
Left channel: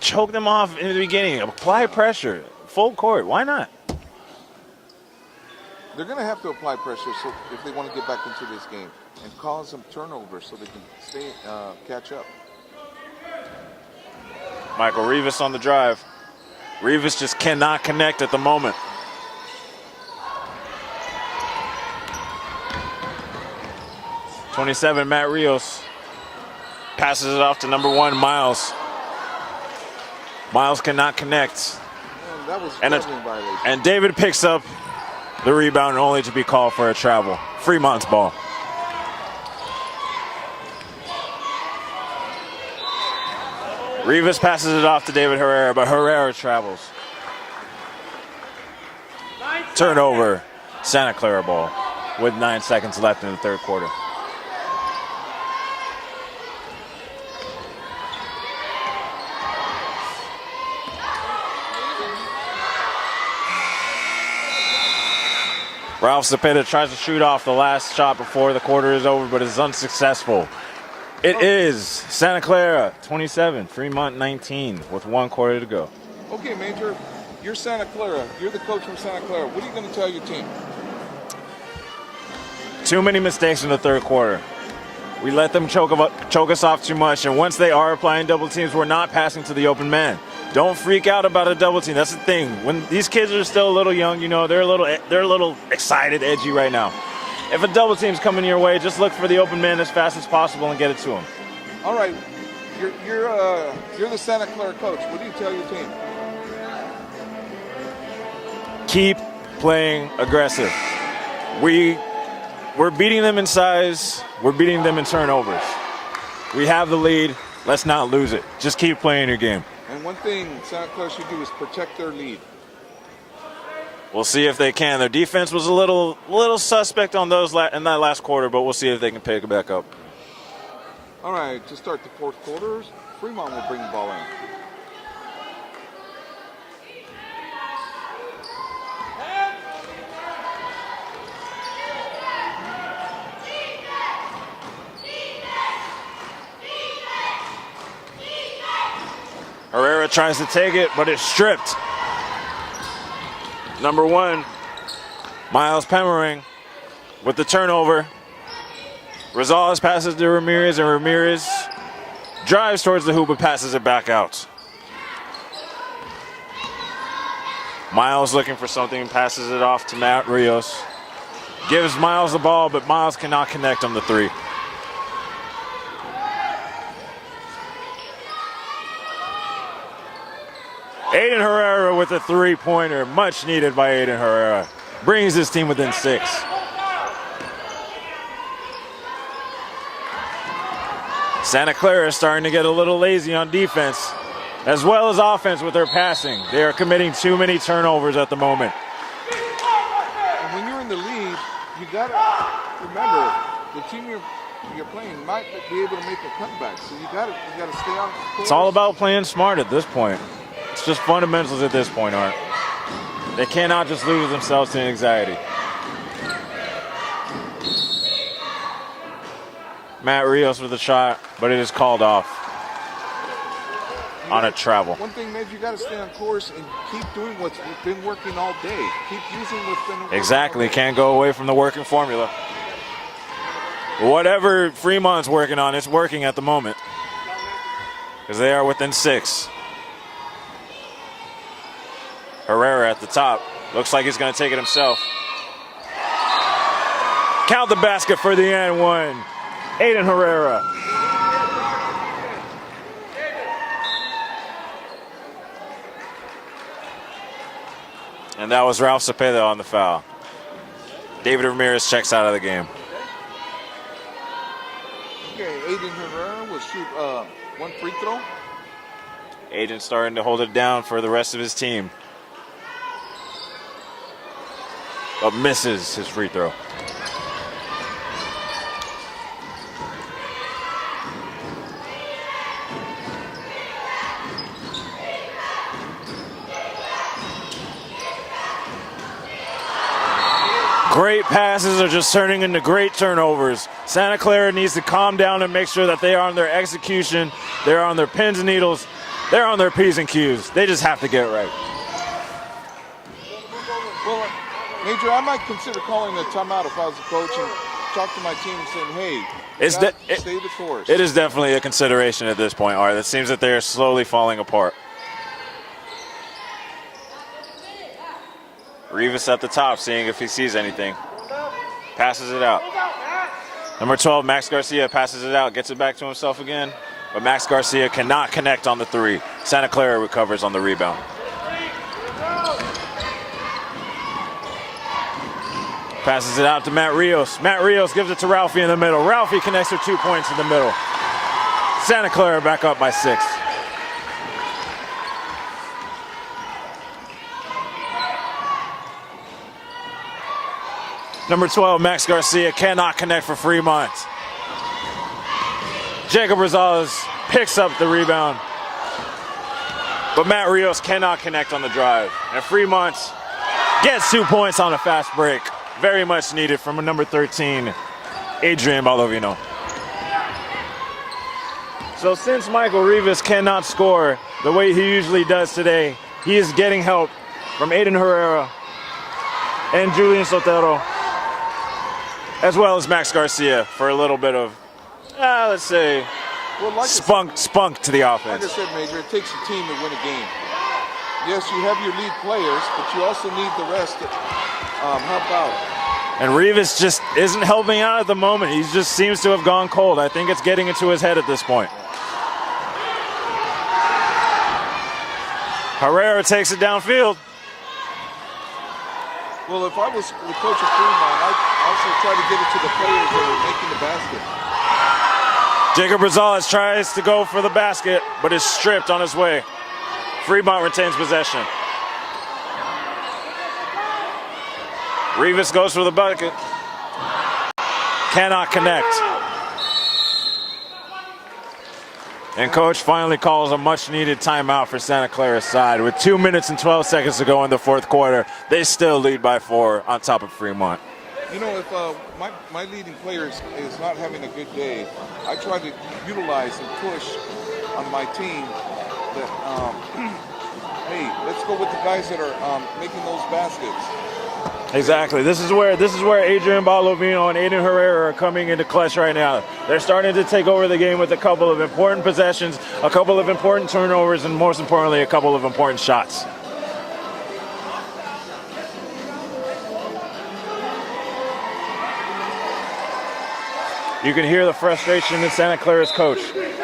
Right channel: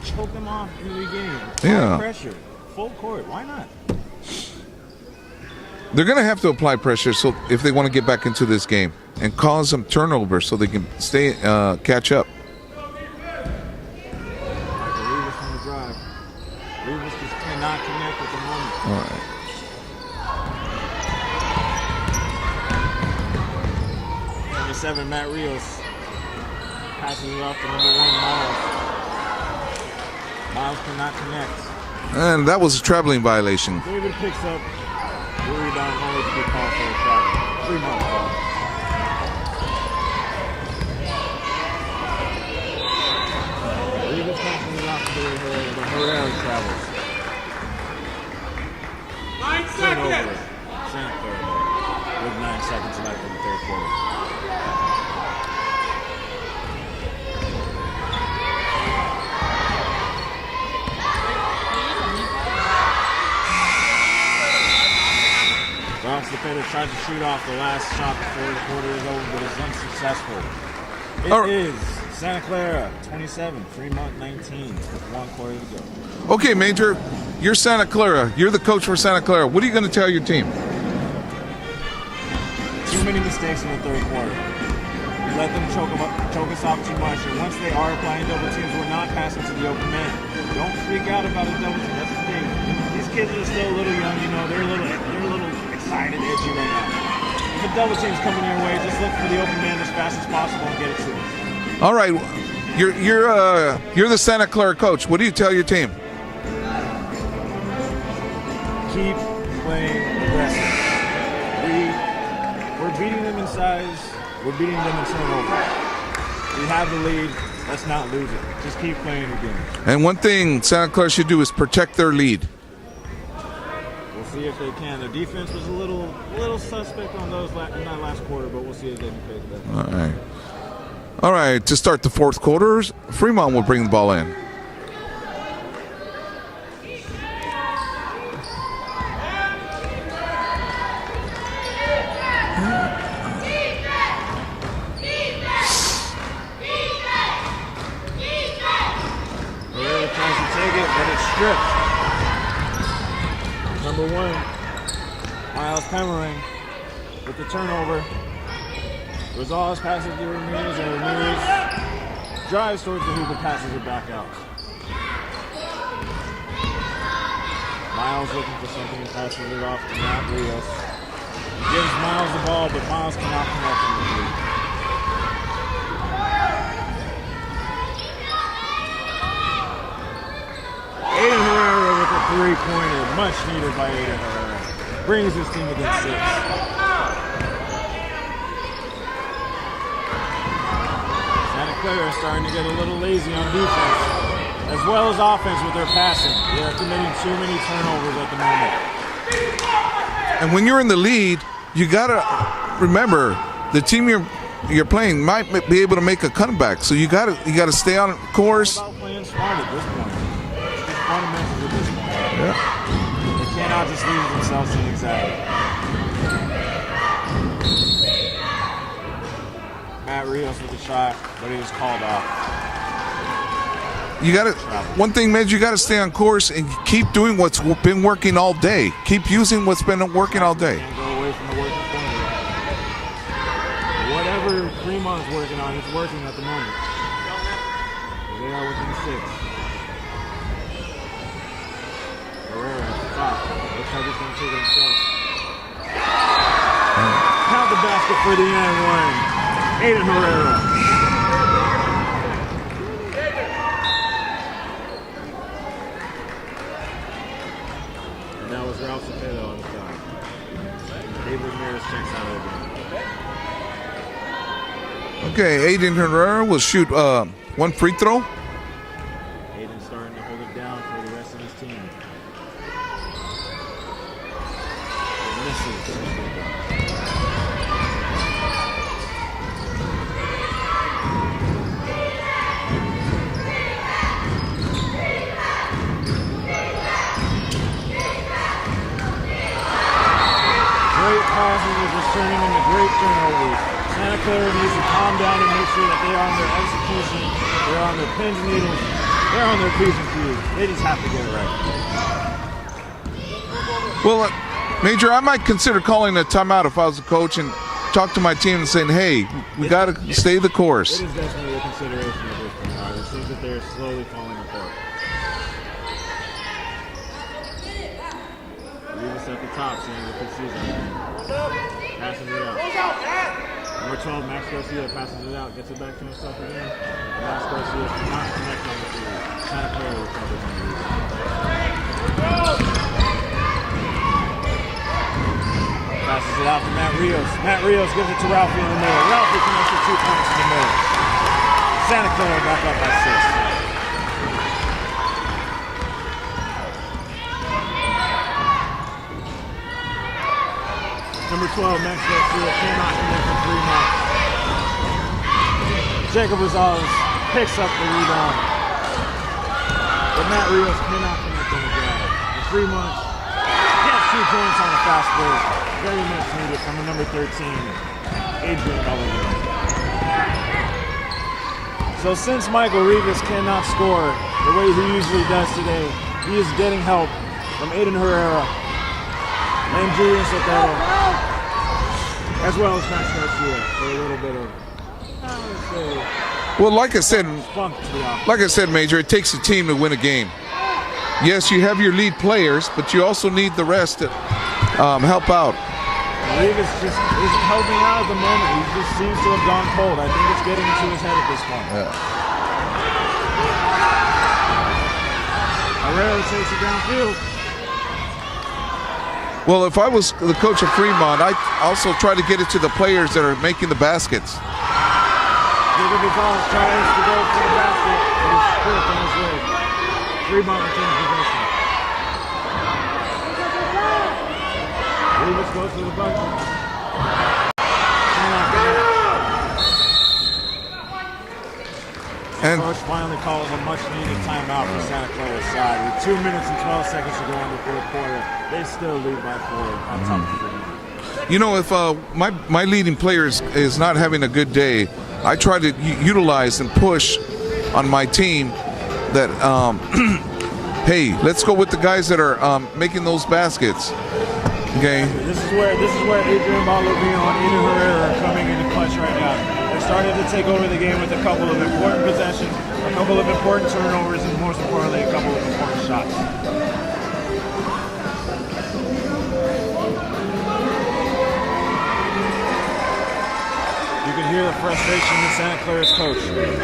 choke them off in the beginning. Apply pressure. Full court. Why not? They're going to have to apply pressure so if they want to get back into this game and cause some turnovers so they can catch up. Michael Rivas on the drive. Rivas just cannot connect at the moment. All right. '27, Matt Rios passes it off to number 1, Miles. Miles cannot connect. And that was a traveling violation. And David picks up the rebound only to be called for a travel. Fremont's ball. Rivas passes it off to David Herrera, but Herrera travels. Turnover, Santa Clara ball with 9 seconds left in the 3rd quarter. Ralph Cepeda tries to shoot off the last shot before the quarter is over, but it's unsuccessful. It is Santa Clara 27, Fremont 19, with 1 quarter to go. Okay, Major, you're Santa Clara. You're the coach for Santa Clara. What are you going to tell your team? Too many mistakes in the 3rd quarter. We let them choke us off too much, and once they are applying double teams, we're not passing to the open man. Don't freak out about a double team. That's the thing. When these kids are still a little young, they're a little excited, edgy right now. If a double team's coming your way, just look for the open man as fast as possible and get it to him. All right, you're the Santa Clara coach. What do you tell your team? Keep playing aggressive. We're beating them in size. We're beating them in turnovers. We have the lead. Let's not lose it. Just keep playing your game. And one thing Santa Clara should do is protect their lead. We'll see if they can. Their defense was a little suspect on those in that last quarter, but we'll see if they can pick it back up. All right, to start the fourth quarter, Fremont will bring the ball in. Herrera tries to take it, but it's stripped. Number 1, Miles Pemering with the turnover. Rosales passes to Ramirez, and Ramirez drives towards the hoop but passes it back out. Miles looking for something, passes it off to Matt Rios. Gives Miles the ball, but Miles cannot connect on the 3. Aiden Herrera with a 3-pointer, much needed by Aiden Herrera. Brings his team within 6. Santa Clara is starting to get a little lazy on defense, as well as offense with their passing. They are committing too many turnovers at the moment. And when you're in the lead, you gotta remember the team you're playing might be able to make a comeback. So you gotta stay on course. It's all about playing smart at this point. It's just fundamentals at this point, aren't they? Yeah. They cannot just lose themselves to anxiety. Matt Rios with a shot, but it is called off. You gotta travel. One thing, man, you gotta stay on course and keep doing what's been working all day. Keep using what's been working all day. Can't go away from the working formula. Whatever Fremont's working on, it's working at the moment, because they are within 6. Herrera at the top. Looks like he's going to take it himself. Count the basket for the and one. Aiden Herrera. And that was Ralph Cepeda on the foul. David Ramirez checks out of the game. Okay, Aiden Herrera will shoot 1 free throw. Aiden starting to hold it down for the rest of his team. But misses his free throw. Great passes are just turning into great turnovers. Santa Clara needs to calm down and make sure that they are on their execution, they're on their pins and needles, they're on their P's and Q's. They just have to get right. Well, Major, I might consider calling a timeout if I was a coach and talk to my team and saying, hey, you got to stay the course. It is definitely a consideration at this point, Art. It seems that they're slowly falling apart. Rivas at the top, seeing if he sees anything. Passes it out. Number 12, Max Garcia passes it out, gets it back to himself again, but Max Garcia cannot connect on the 3. Santa Clara recovers on the rebound. Passes it out to Matt Rios. Matt Rios gives it to Ralphie in the middle. Ralphie connects for 2 points in the middle. Santa Clara back up by 6. Number 12, Max Garcia cannot connect for Fremont. Jacob Rosales picks up the rebound, but Matt Rios cannot connect on the drive. And Fremont gets 2 points on a fast break. Very much needed from a number 13, Adrian Balovino. So since Michael Rivas cannot score the way he usually does today, he is getting help from Aiden Herrera and Julian Sotero, as well as Max Garcia for a little bit of, let's say, well, like spunk to the offense. Like I said, Major, it takes a team to win a game. Yes, you have your lead players, but you also need the rest to help out. And Rivas just isn't helping out at the moment. He just seems to have gone cold. I think it's getting into his head at this point. Yeah. Herrera takes it downfield. Well, if I was the coach of Fremont, I'd also try to get it to the players that are making the baskets. Jacob Rosales tries to go for the basket, but is stripped on his way. Fremont retains possession. Rivas goes for the bucket. Cannot connect. And coach finally calls a much-needed timeout for Santa Clara's side. With 2 minutes and 12 seconds to go in the fourth quarter, they still lead by 4 on top of Fremont. You know, if my leading player is not having a good day, I try to utilize and push on my team that, hey, let's go with the guys that are making those baskets. Okay? Exactly. This is where Adrian Balovino and Anu Herrera are coming into clutch right now. They're starting to take over the game with a couple of important possessions, a couple of important turnovers, and most importantly, a couple of important shots. You can hear the frustration with Santa Clara's coach.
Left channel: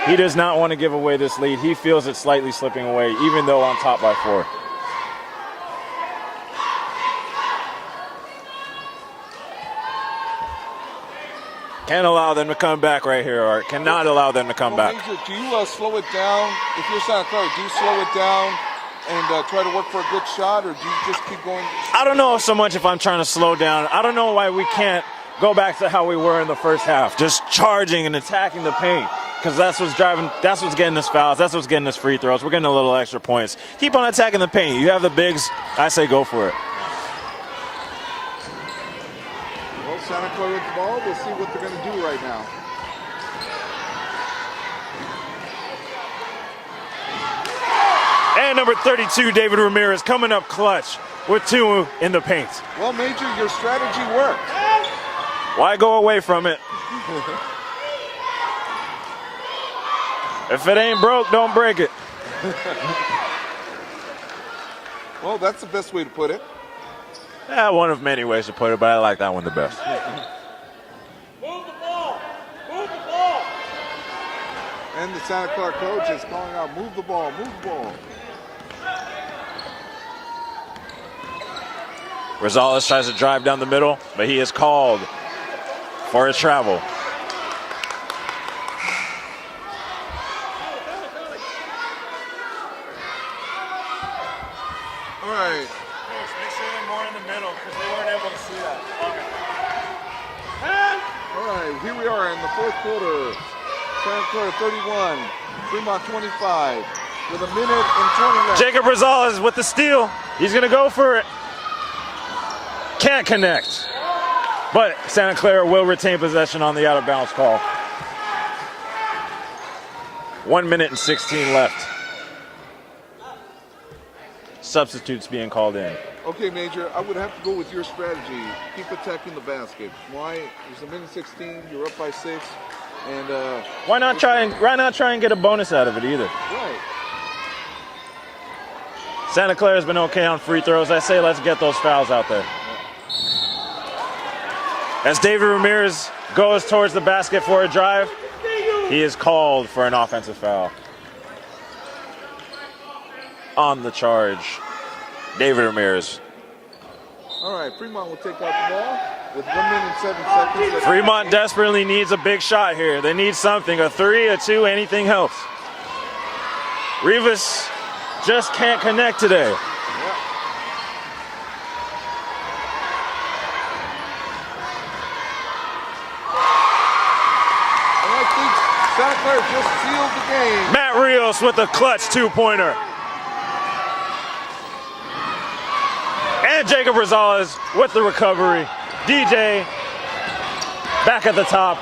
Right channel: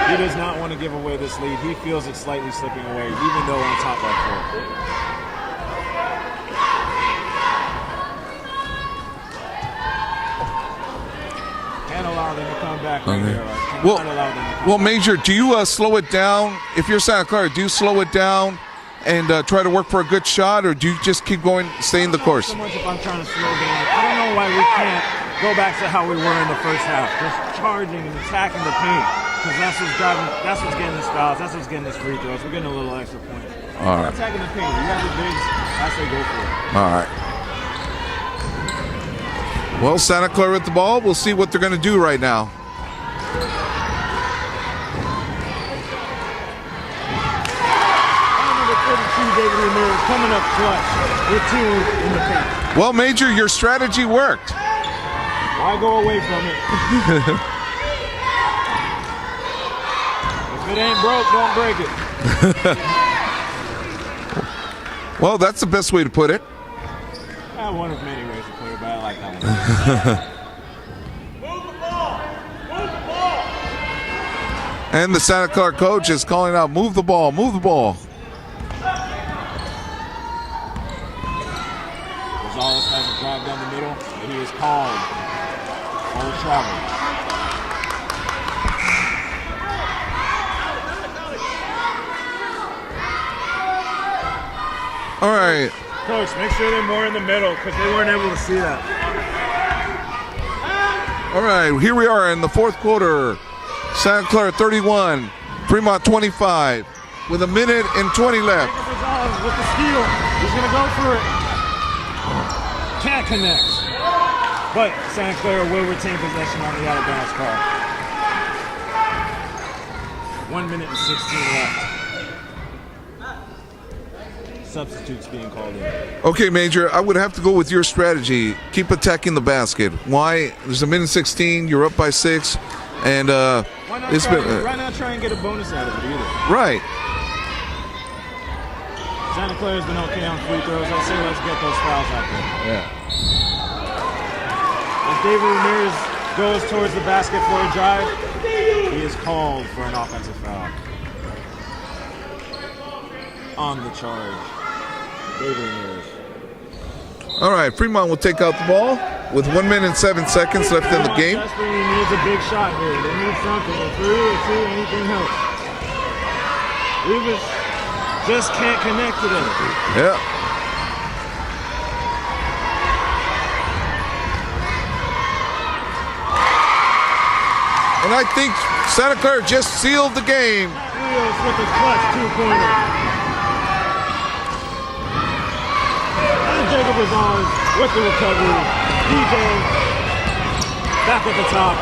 He does not want to give away this lead. He feels it's slightly slipping away, even though on top by 4. Can't allow them to come back right here, Art. Cannot allow them to come back. Well, Major, do you slow it down? If you're Santa Clara, do you slow it down and try to work for a good shot, or do you just keep going, stay in the course? I don't know so much if I'm trying to slow down. I don't know why we can't go back to how we were in the first half, just charging and attacking the paint, because that's what's getting us fouls, that's what's getting us free throws. We're getting a little extra points. Keep on attacking the paint. You have the bigs. I say go for it. All right. Well, Santa Clara with the ball. We'll see what they're going to do right now. And number 32, David Ramirez, coming up clutch with 2 in the paint. Well, Major, your strategy worked. Why go away from it? If it ain't broke, don't break it. Well, that's the best way to put it. One of many ways to put it, but I like that one the best. And the Santa Clara coach is calling out, move the ball, move the ball. Rosales tries to drive down the middle, but he is called for his travel. All right. Coach, make sure they're more in the middle because they weren't able to see that. All right, here we are in the fourth quarter. Santa Clara 31, Fremont 25, with 1 minute and 20 left. Jacob Rosales with the steal. He's going to go for it. Can't connect. But Santa Clara will retain possession on the out-of-bounds call. 1 minute and 16 left. Substitutes being called in. Okay, Major, I would have to go with your strategy. Keep attacking the basket. Why? There's 1 minute 16. You're up by 6, and why not try and get a bonus out of it either? Right. Santa Clara's been okay on free throws. I say let's get those fouls out there. Yeah. As David Ramirez goes towards the basket for a drive, he is called for an offensive foul. On the charge, David Ramirez. All right, Fremont will take out the ball with 1 minute and 7 seconds left in the Fremont game. desperately needs a big shot here. They need something, a 3, a 2, anything helps. Rivas just can't connect today. Yeah. And I think Santa Clara just sealed the game. Matt Rios with a clutch 2-pointer. And Jacob Rosales with the recovery. DJ back at the top,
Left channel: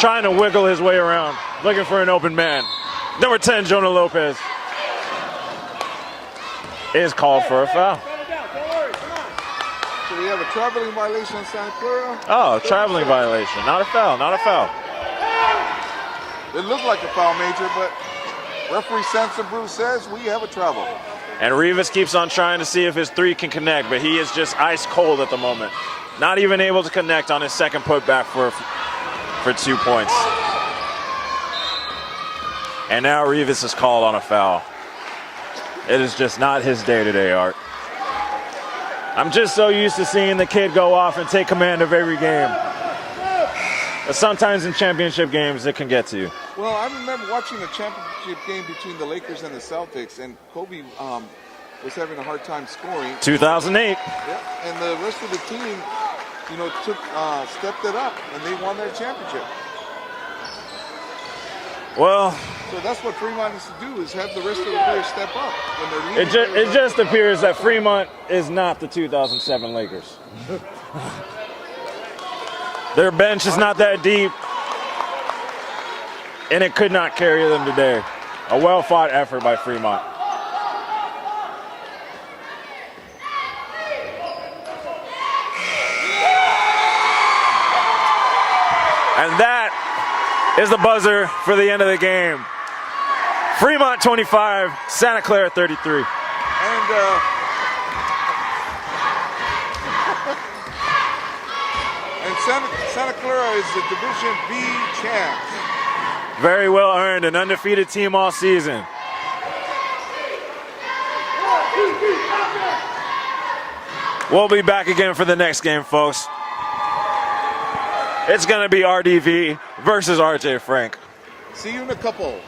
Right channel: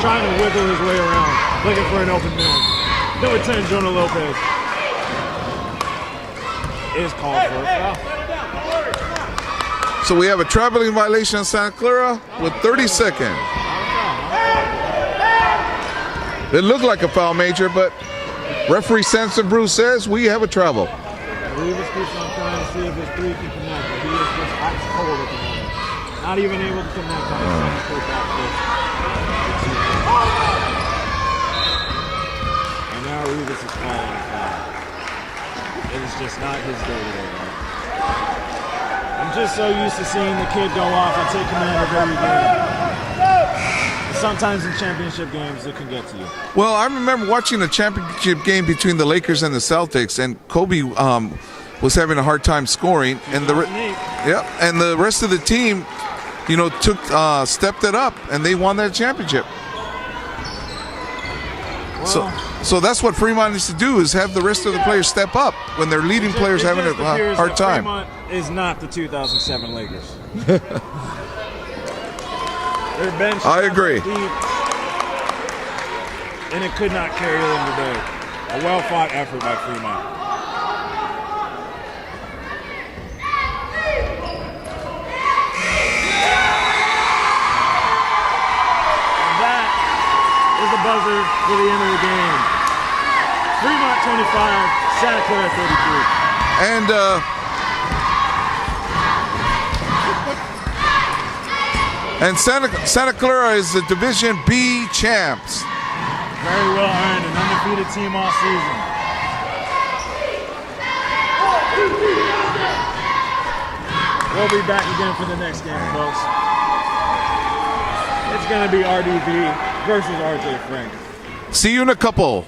trying to wiggle his way around, looking for an open man. Number 10, Jonah Lopez, is called for a foul. So we have a traveling violation on Santa Clara with 30 seconds. Violation. Not a foul, not a foul. It looked like a foul, Major, but referee Samson Bruce says we have a travel. And Rivas keeps on trying to see if his 3 can connect, but he is just ice cold at the moment. Not even able to connect on his second putback for 2 points. And now Rivas is called on a foul. It is just not his day today, Art. I'm just so used to seeing the kid go off and take command of every game. And sometimes in championship games, it can get to you. Well, I remember watching a championship game between the Lakers and the Celtics, and Kobe was having a hard time scoring. 2008. And the rest of the team, stepped it up, and they won that championship. Well, so that's what Fremont needs to do, is have the rest of the players step up when their leading players having a hard time. It just appears that Fremont is not the 2007 Lakers. Their bench is not that deep, and it could not carry them today. A well-fought effort by Fremont. And that is the buzzer for the end of the game. Fremont 25, Santa Clara 33. And Santa Clara is the Division B champs. Very well earned, an undefeated team all season. We'll be back again for the next game, folks. It's going to be RDV versus RJ Frank. See you in a couple.